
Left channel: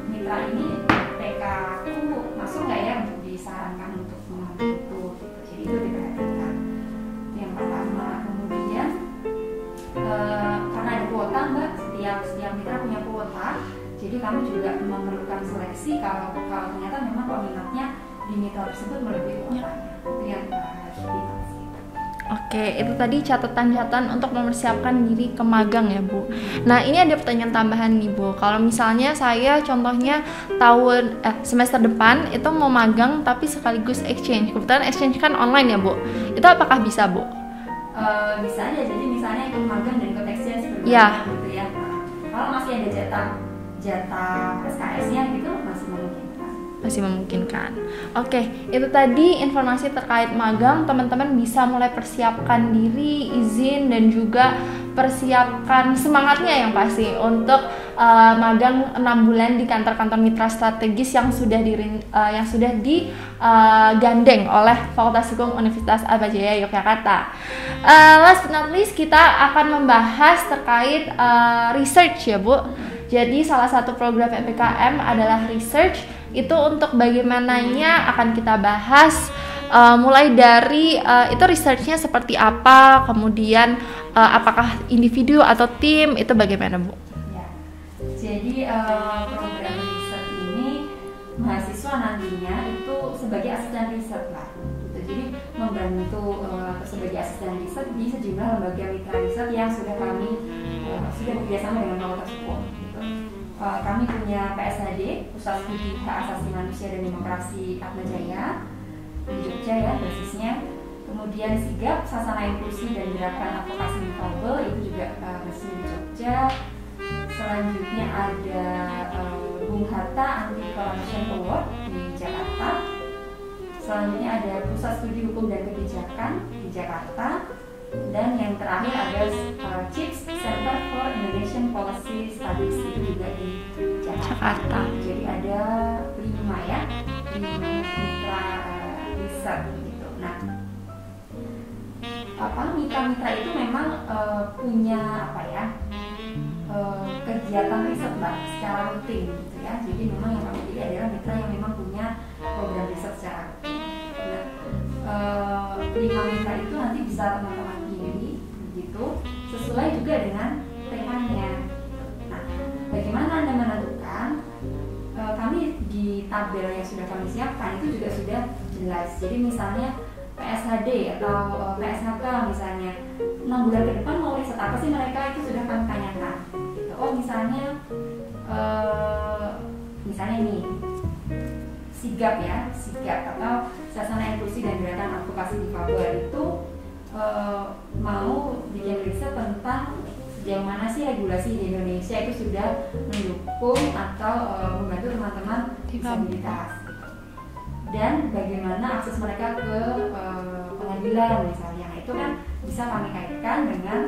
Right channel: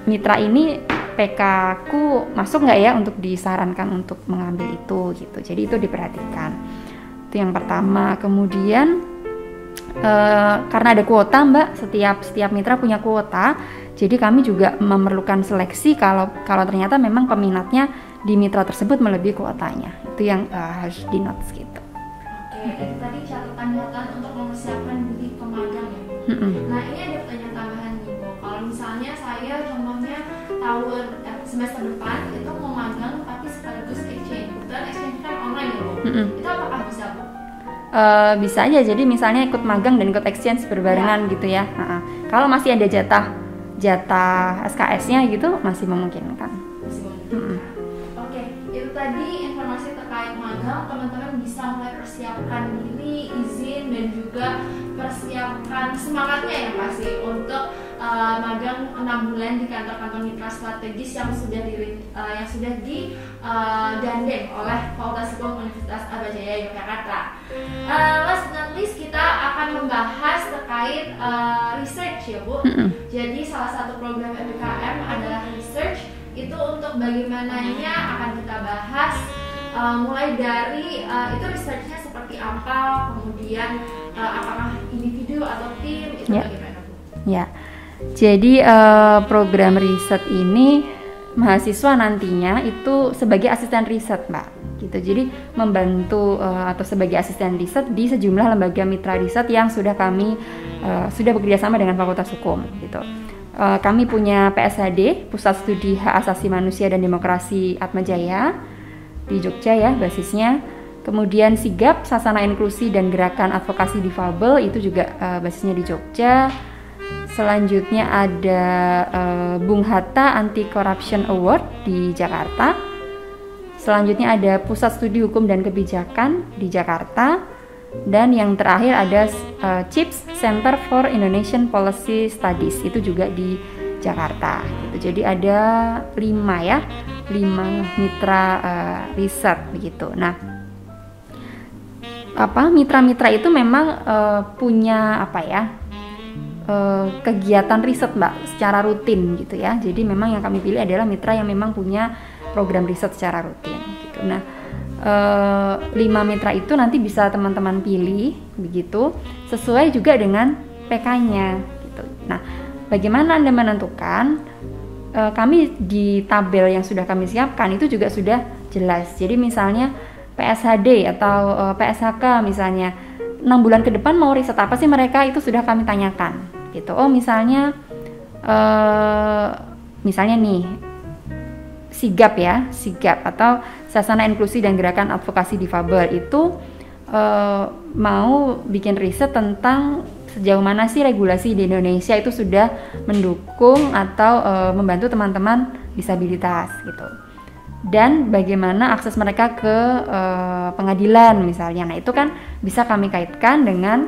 mitra ini PK ku masuk nggak ya untuk disarankan untuk mengambil itu gitu. Jadi itu diperhatikan. Itu yang pertama. Kemudian karena ada kuota Mbak, setiap mitra punya kuota. Jadi kami juga memerlukan seleksi kalau ternyata memang peminatnya di mitra tersebut melebihi kuotanya. Itu yang harus di notes gitu. Oke, itu tadi catatan-catatan untuk mempersiapkan diri ke magang ya Bu. Nah ini ada pertanyaan tambahan nih Bu. Kalau misalnya saya contohnya semester depan itu mau magang tapi sekaligus exchange. Kebetulan exchange kan online ya Bu. Itu apakah bisa Bu? Bisa aja. Jadi misalnya ikut magang dan ikut exchange berbarengan gitu ya. Kalau masih ada jatah SKS-nya gitu masih memungkinkan. Oke, itu tadi informasi terkait magang. Teman-teman bisa mulai persiapkan diri, izin, dan juga persiapkan semangatnya yang pasti untuk magang 6 bulan di kantor-kantor mitra strategis yang sudah digandeng oleh Fakultas Hukum Universitas Atmajaya Yogyakarta. Last but not least, kita akan membahas terkait research ya Bu. Jadi salah satu program PPKM adalah research. Itu untuk bagaimananya akan kita bahas mulai dari itu researchnya seperti apa, kemudian apakah individu atau tim itu bagaimana Bu? Ya, jadi program riset ini mahasiswa nantinya itu sebagai asisten riset Mbak gitu. Jadi membantu atau sebagai asisten riset di sejumlah lembaga mitra riset yang sudah bekerja sama dengan Fakultas Hukum gitu. Kami punya PSHD, Pusat Studi Hak Asasi Manusia dan Demokrasi Atmajaya di Jogja ya basisnya. Kemudian SIGAP, Sasana Inklusi dan Gerakan Advokasi Difabel, itu juga basisnya di Jogja. Selanjutnya ada Bung Hatta Anti Corruption Award di Jakarta. Selanjutnya ada Pusat Studi Hukum dan Kebijakan di Jakarta. Dan yang terakhir ada CIPS, Center for Indonesian Policy Studies, itu juga di Jakarta. Jadi ada 5 mitra riset begitu. Nah, mitra-mitra itu memang punya kegiatan riset Mbak secara rutin gitu ya. Jadi memang yang kami pilih adalah mitra yang memang punya program riset secara rutin gitu. Nah, 5 mitra itu nanti bisa teman-teman pilih begitu sesuai juga dengan PK-nya gitu. Nah, bagaimana Anda menentukan? Kami di tabel yang sudah kami siapkan itu juga sudah jelas. Jadi misalnya PSHD atau PSHK misalnya 6 bulan ke depan mau riset apa sih mereka, itu sudah kami tanyakan gitu. Oh misalnya nih SIGAP atau Sasana Inklusi dan Gerakan Advokasi Difabel itu mau bikin riset tentang sejauh mana sih regulasi di Indonesia itu sudah mendukung atau membantu teman-teman disabilitas gitu. Dan bagaimana akses mereka ke pengadilan misalnya. Nah, itu kan bisa kami kaitkan dengan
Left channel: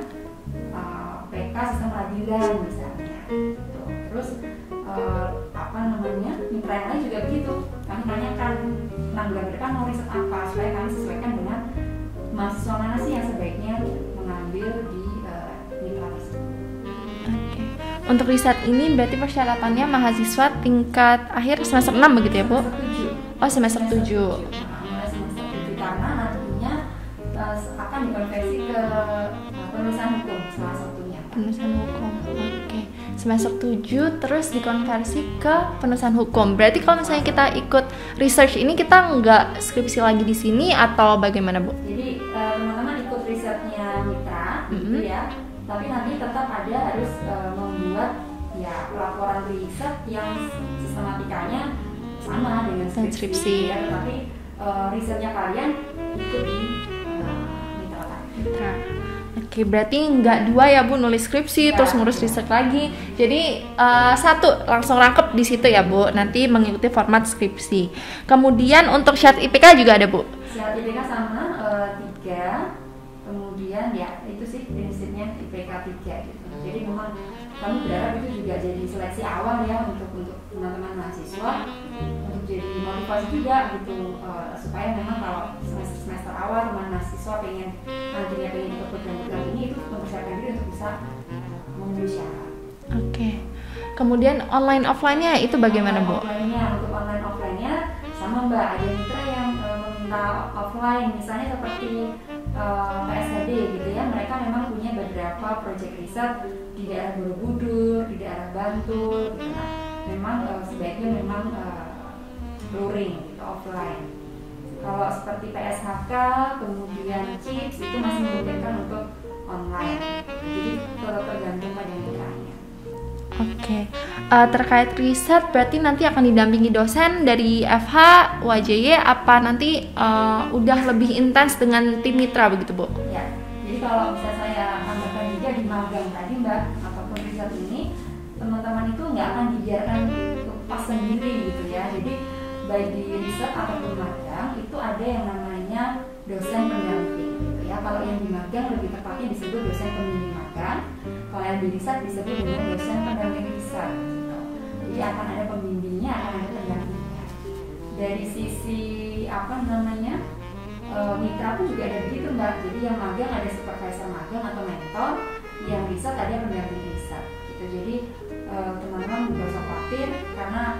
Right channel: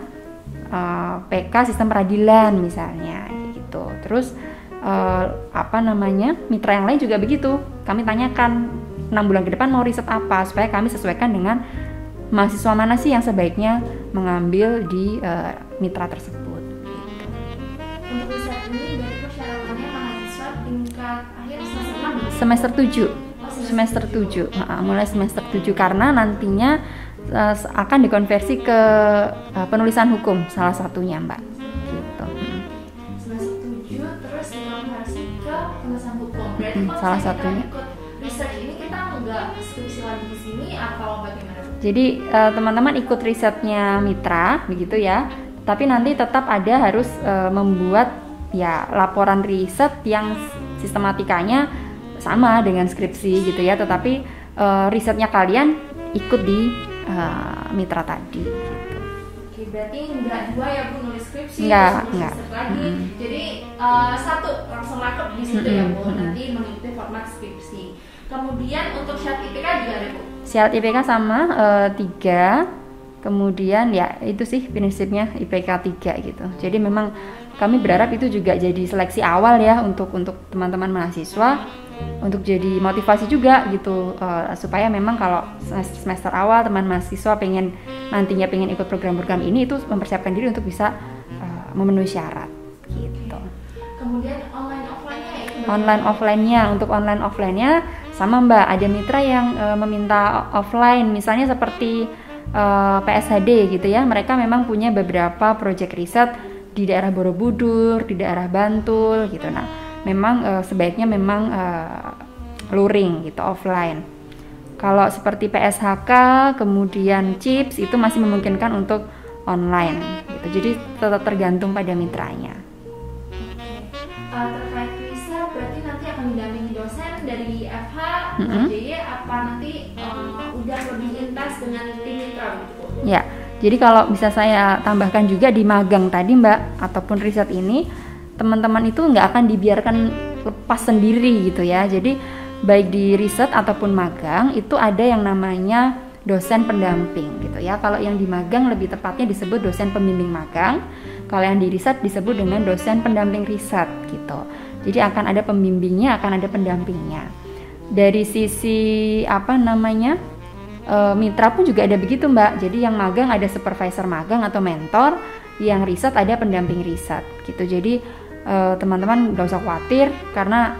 PK sistem peradilan misalnya gitu. Terus mitra yang lain juga begitu. Kami tanyakan 6 bulan ke depan mau riset apa supaya kami sesuaikan dengan mahasiswa mana sih yang sebaiknya mengambil di mitra tersebut. Untuk riset ini berarti persyaratannya mahasiswa tingkat akhir semester 6 begitu ya? Semester 7. Oh, semester 7. Mulai semester 7 karena nantinya akan dikonversi ke penulisan hukum salah satunya, Mbak. Semester 7 terus dikonversi ke penulisan hukum. Berarti kalau misalnya kita ikut research ini kita nggak skripsi lagi di sini atau bagaimana, Bu? Jadi teman-teman ikut risetnya mitra begitu ya. Tapi nanti tetap ada harus membuat ya laporan riset yang sistematikanya sama dengan skripsi gitu ya. Tetapi risetnya kalian ikut di mitra tadi. Oke, berarti nggak 2 ya Bu, nulis skripsi Nggak, terus ngurus nggak. riset lagi. Jadi 1 langsung rangkep di situ ya Bu. Nanti mengikuti format skripsi. Kemudian untuk syarat IPK juga ada Bu. Syarat IPK sama 3. Kemudian ya itu sih prinsipnya IPK 3 gitu. Jadi memang kami berharap itu juga jadi seleksi awal ya untuk teman-teman mahasiswa, untuk jadi motivasi juga gitu, supaya memang kalau semester awal teman mahasiswa nantinya pengen ikut program-program ini, itu mempersiapkan diri untuk bisa memenuhi syarat. Oke. Kemudian online offline-nya itu bagaimana? Untuk online offline-nya sama Mbak, ada mitra yang meminta offline, misalnya seperti PSHD gitu ya. Mereka memang punya beberapa proyek riset di daerah Borobudur, di daerah Bantul gitu. Nah, memang sebaiknya memang luring gitu, offline. Kalau seperti PSHK, kemudian CIPS itu masih memungkinkan untuk online gitu. Jadi tetap tergantung pada mitranya. Oke. Terkait riset berarti nanti akan didampingi dosen dari FH, WJY, apa nanti udah lebih intens dengan tim mitra begitu Bu? Ya, jadi kalau bisa saya tambahkan juga di magang tadi Mbak, ataupun riset ini, teman-teman itu nggak akan dibiarkan lepas sendiri gitu ya. Jadi baik di riset ataupun magang itu ada yang namanya dosen pendamping gitu ya. Kalau yang di magang lebih tepatnya disebut dosen pembimbing magang. Kalau yang di riset disebut dengan dosen pendamping riset gitu. Jadi akan ada pembimbingnya, akan ada pendampingnya. Dari sisi mitra pun juga ada begitu Mbak. Jadi yang magang ada supervisor magang atau mentor, yang riset ada pendamping riset gitu. Jadi teman-teman gak usah khawatir karena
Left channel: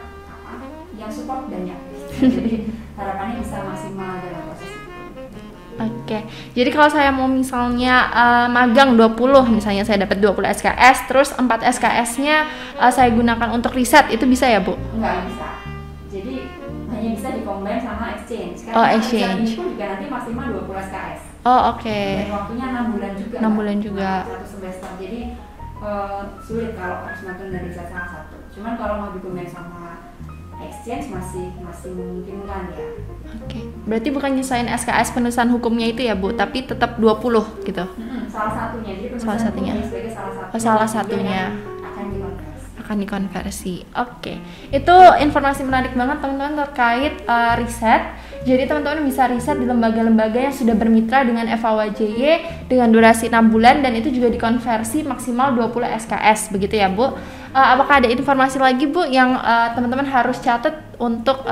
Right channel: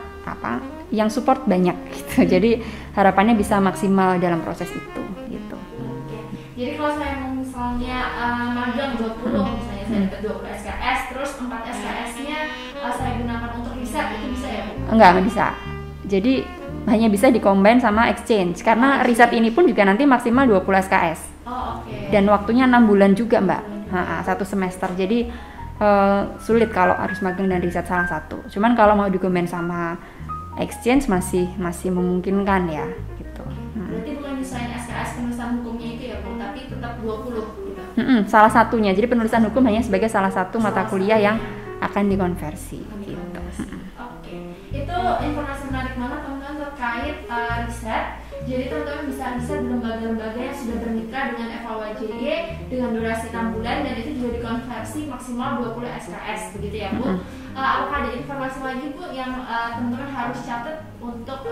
yang support banyak gitu. Jadi harapannya bisa maksimal dalam proses itu gitu. Oke. Jadi kalau saya mau misalnya magang 20, misalnya saya dapat 20 SKS, terus 4 SKS-nya saya gunakan untuk riset, itu bisa ya Bu? Enggak bisa. Jadi hanya bisa dikombin sama exchange. Karena riset ini pun juga nanti maksimal 20 SKS. Oh, oke. Dan waktunya 6 bulan juga 6 Mbak. bulan juga. 1 semester. Jadi sulit kalau harus magang dan riset salah satu. Cuman kalau mau dikombin sama exchange masih memungkinkan ya gitu. Oke. Berarti bukan nyesain SKS penulisan hukumnya itu ya Bu, tapi tetap 20 gitu. Salah satunya. Jadi penulisan hukum hanya sebagai salah satu mata kuliah yang akan dikonversi. Oke. Itu informasi menarik banget teman-teman terkait riset. Jadi teman-teman bisa riset di lembaga-lembaga yang sudah bermitra dengan FHWJY dengan durasi 6 bulan dan itu juga dikonversi maksimal 20 SKS begitu ya Bu. Apakah ada informasi lagi Bu yang teman-teman harus catat untuk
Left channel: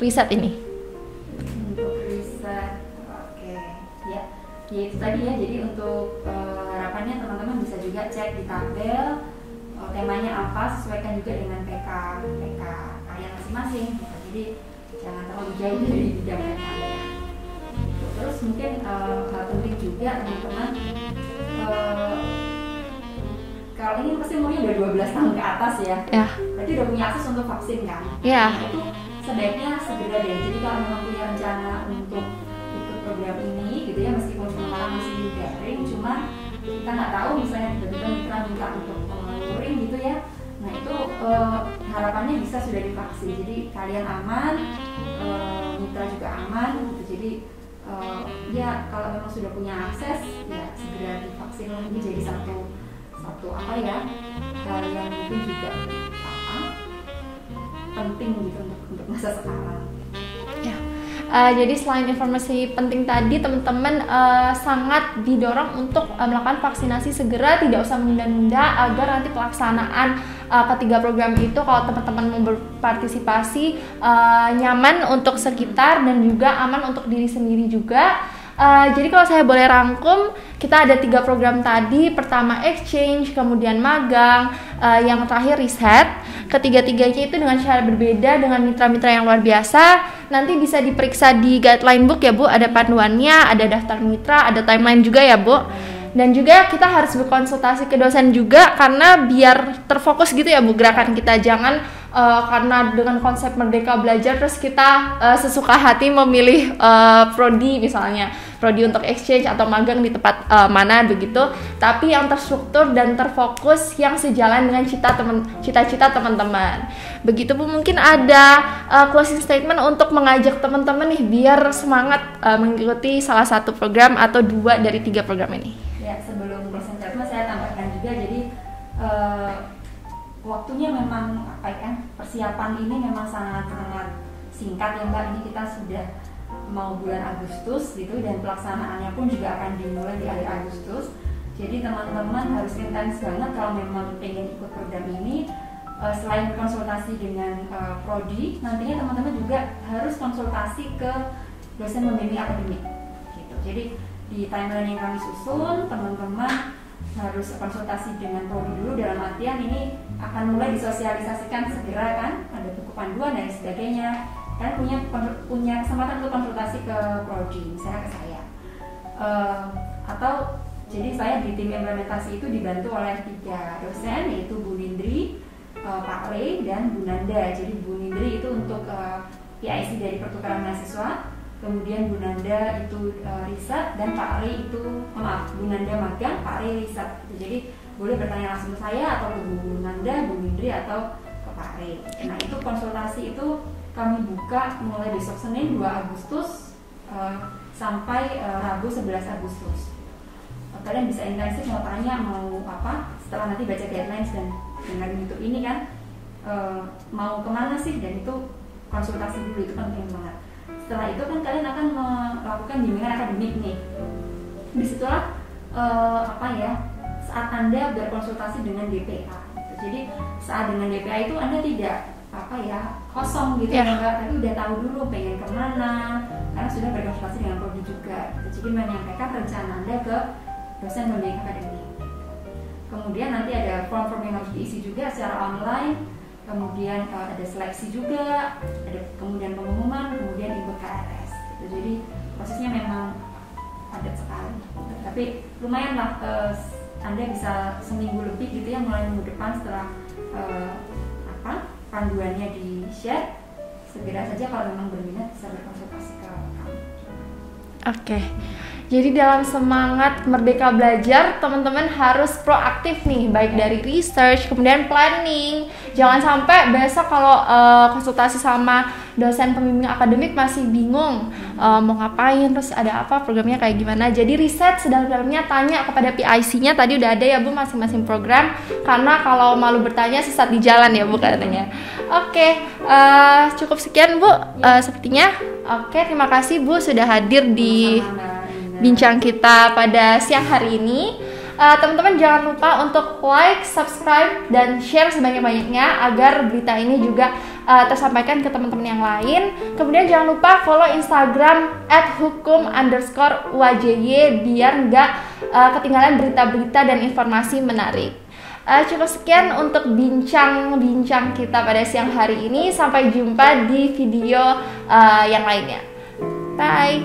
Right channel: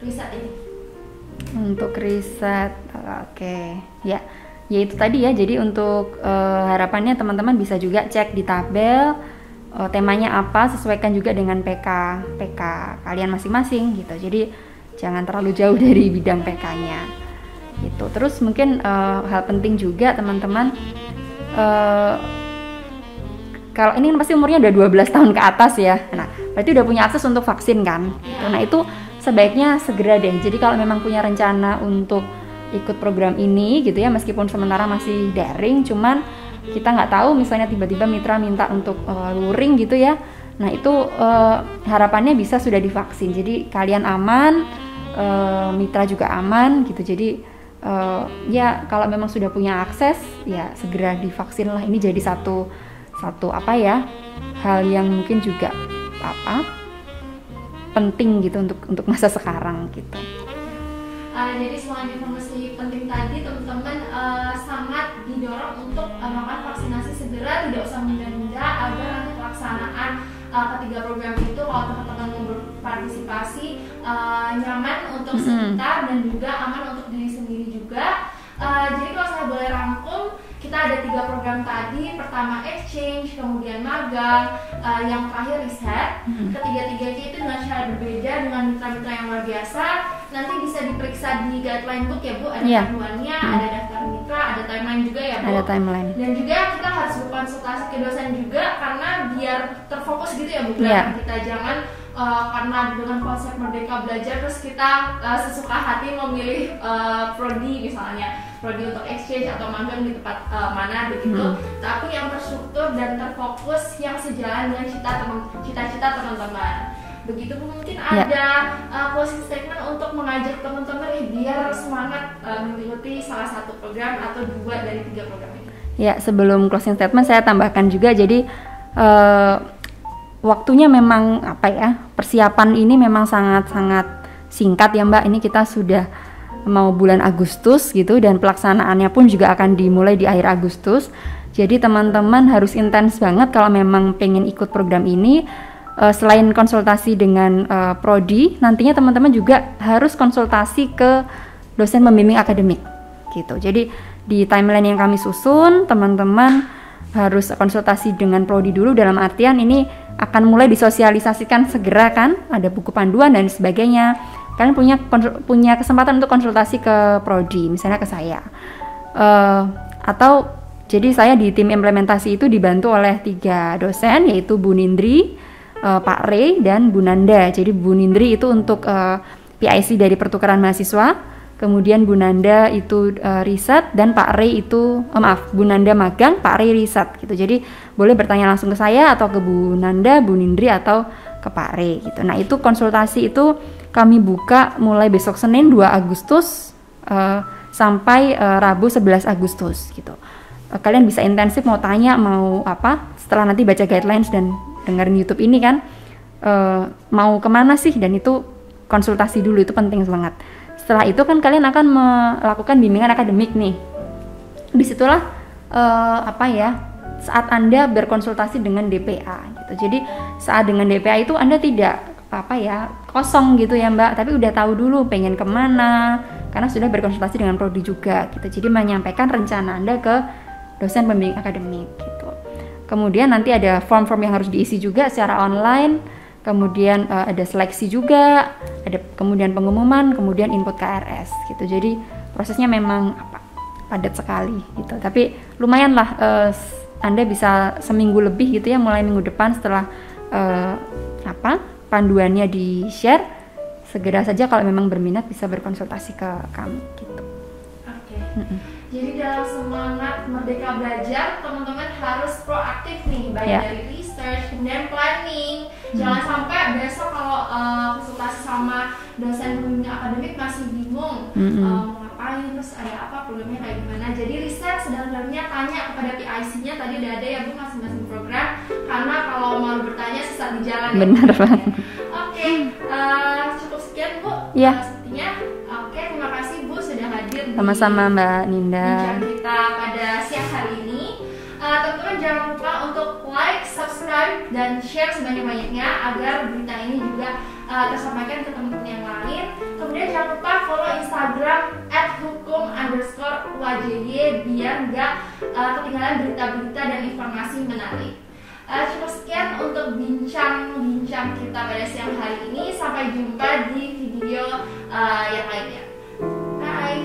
riset ini? Untuk riset, oke. Ya itu tadi ya. Jadi untuk harapannya teman-teman bisa juga cek di tabel temanya apa, sesuaikan juga dengan PK kalian masing-masing gitu. Jadi jangan terlalu jauh dari bidang PK-nya gitu. Terus mungkin hal penting juga teman-teman, kalau ini pasti umurnya udah 12 tahun ke atas ya. Nah, berarti udah punya akses untuk vaksin kan? Yeah. Nah, itu sebaiknya segera deh. Jadi kalau memang punya rencana untuk ikut program ini gitu ya, meskipun sementara masih daring, cuman kita nggak tahu misalnya tiba-tiba mitra minta untuk luring gitu ya. Nah, itu harapannya bisa sudah divaksin. Jadi kalian aman, mitra juga aman gitu. Jadi ya kalau memang sudah punya akses ya segera divaksin lah. Ini jadi satu hal yang mungkin juga penting gitu untuk masa sekarang gitu. Jadi selain informasi penting tadi, teman-teman sangat didorong untuk melakukan vaksinasi segera, tidak usah menunda-nunda agar nanti pelaksanaan ketiga program itu kalau teman-teman mau berpartisipasi nyaman untuk sekitar dan juga aman untuk diri sendiri juga. Jadi kalau saya boleh rangkum, kita ada 3 program tadi. Pertama exchange, kemudian magang, yang terakhir riset. Ketiga-tiganya itu dengan cara berbeda, dengan mitra-mitra yang luar biasa. Nanti bisa diperiksa di guideline book ya Bu, ada panduannya, ada daftar mitra, ada timeline juga ya Bu. Dan juga kita harus berkonsultasi ke dosen juga karena biar terfokus gitu ya Bu gerakan kita. Jangan karena dengan konsep Merdeka Belajar terus kita sesuka hati memilih prodi misalnya, prodi untuk exchange atau magang di tempat mana begitu, tapi yang terstruktur dan terfokus yang sejalan dengan cita-cita teman-teman. Begitu Bu, mungkin ada closing statement untuk mengajak teman-teman nih biar semangat mengikuti salah satu program atau 2 dari 3 program ini. Ya, sebelum closing statement saya tambahkan juga, jadi waktunya memang persiapan ini memang sangat-sangat singkat ya Mbak. Ini kita sudah mau bulan Agustus gitu, dan pelaksanaannya pun juga akan dimulai di akhir Agustus. Jadi teman-teman harus intens banget kalau memang pengen ikut program ini. Selain konsultasi dengan prodi, nantinya teman-teman juga harus konsultasi ke dosen pembimbing akademik gitu. Jadi di timeline yang kami susun, teman-teman harus konsultasi dengan prodi dulu, dalam artian ini akan mulai disosialisasikan segera kan, ada buku panduan dan sebagainya. Kalian punya kesempatan untuk konsultasi ke prodi, misalnya ke saya. Atau jadi saya di tim implementasi itu dibantu oleh 3 dosen, yaitu Bu Nindri, Pak Rey, dan Bu Nanda. Jadi Bu Nindri itu untuk PIC dari pertukaran mahasiswa, kemudian Bu Nanda itu riset, dan Pak Rey itu Bu Nanda magang, Pak Rey riset gitu. Jadi boleh bertanya langsung ke saya atau ke Bu Nanda, Bu Nindri, atau ke Pak Rey gitu. Nah, itu konsultasi itu kami buka mulai besok Senin 2 Agustus sampai Rabu 11 Agustus gitu. Kalian bisa intensif mau tanya, mau apa, setelah nanti baca guidelines dan dengerin YouTube ini kan, mau kemana sih, dan itu konsultasi dulu, itu penting banget. Setelah itu kan kalian akan melakukan bimbingan akademik nih. Disitulah saat Anda berkonsultasi dengan DPA gitu. Jadi saat dengan DPA itu Anda tidak kosong gitu ya Mbak, tapi udah tahu dulu pengen kemana, karena sudah berkonsultasi dengan prodi juga gitu. Jadi menyampaikan rencana Anda ke dosen pembimbing akademik gitu. Kemudian nanti ada form-form yang harus diisi juga secara online, kemudian ada seleksi juga, ada kemudian pengumuman, kemudian input KRS gitu. Jadi prosesnya memang padat sekali gitu. Tapi lumayan lah, Anda bisa seminggu lebih gitu ya, mulai minggu depan setelah panduannya di-share, segera saja kalau memang berminat bisa berkonsultasi ke kami gitu. Oke. Jadi dalam semangat Merdeka Belajar, teman-teman harus proaktif nih, baik dari research, kemudian planning. Jangan sampai besok kalau konsultasi sama dosen pembimbing akademik masih bingung mau ngapain, terus ada apa, programnya kayak gimana. Jadi riset sedalam-dalamnya, tanya kepada PIC-nya, tadi udah ada ya Bu masing-masing program, karena kalau malu bertanya sesat di jalan ya Bu katanya. Oke, cukup sekian Bu sepertinya. Oke, terima kasih Bu sudah hadir di sama-sama Mbak Ninda bincang kita pada siang hari ini. Teman-teman jangan lupa untuk like, subscribe, dan share sebanyak-banyaknya agar berita ini juga tersampaikan ke teman-teman yang lain. Kemudian jangan lupa follow Instagram @hukum_wjy biar nggak ketinggalan berita-berita dan informasi menarik. Cukup sekian untuk bincang-bincang kita pada siang hari ini. Sampai jumpa di video yang lainnya. Bye.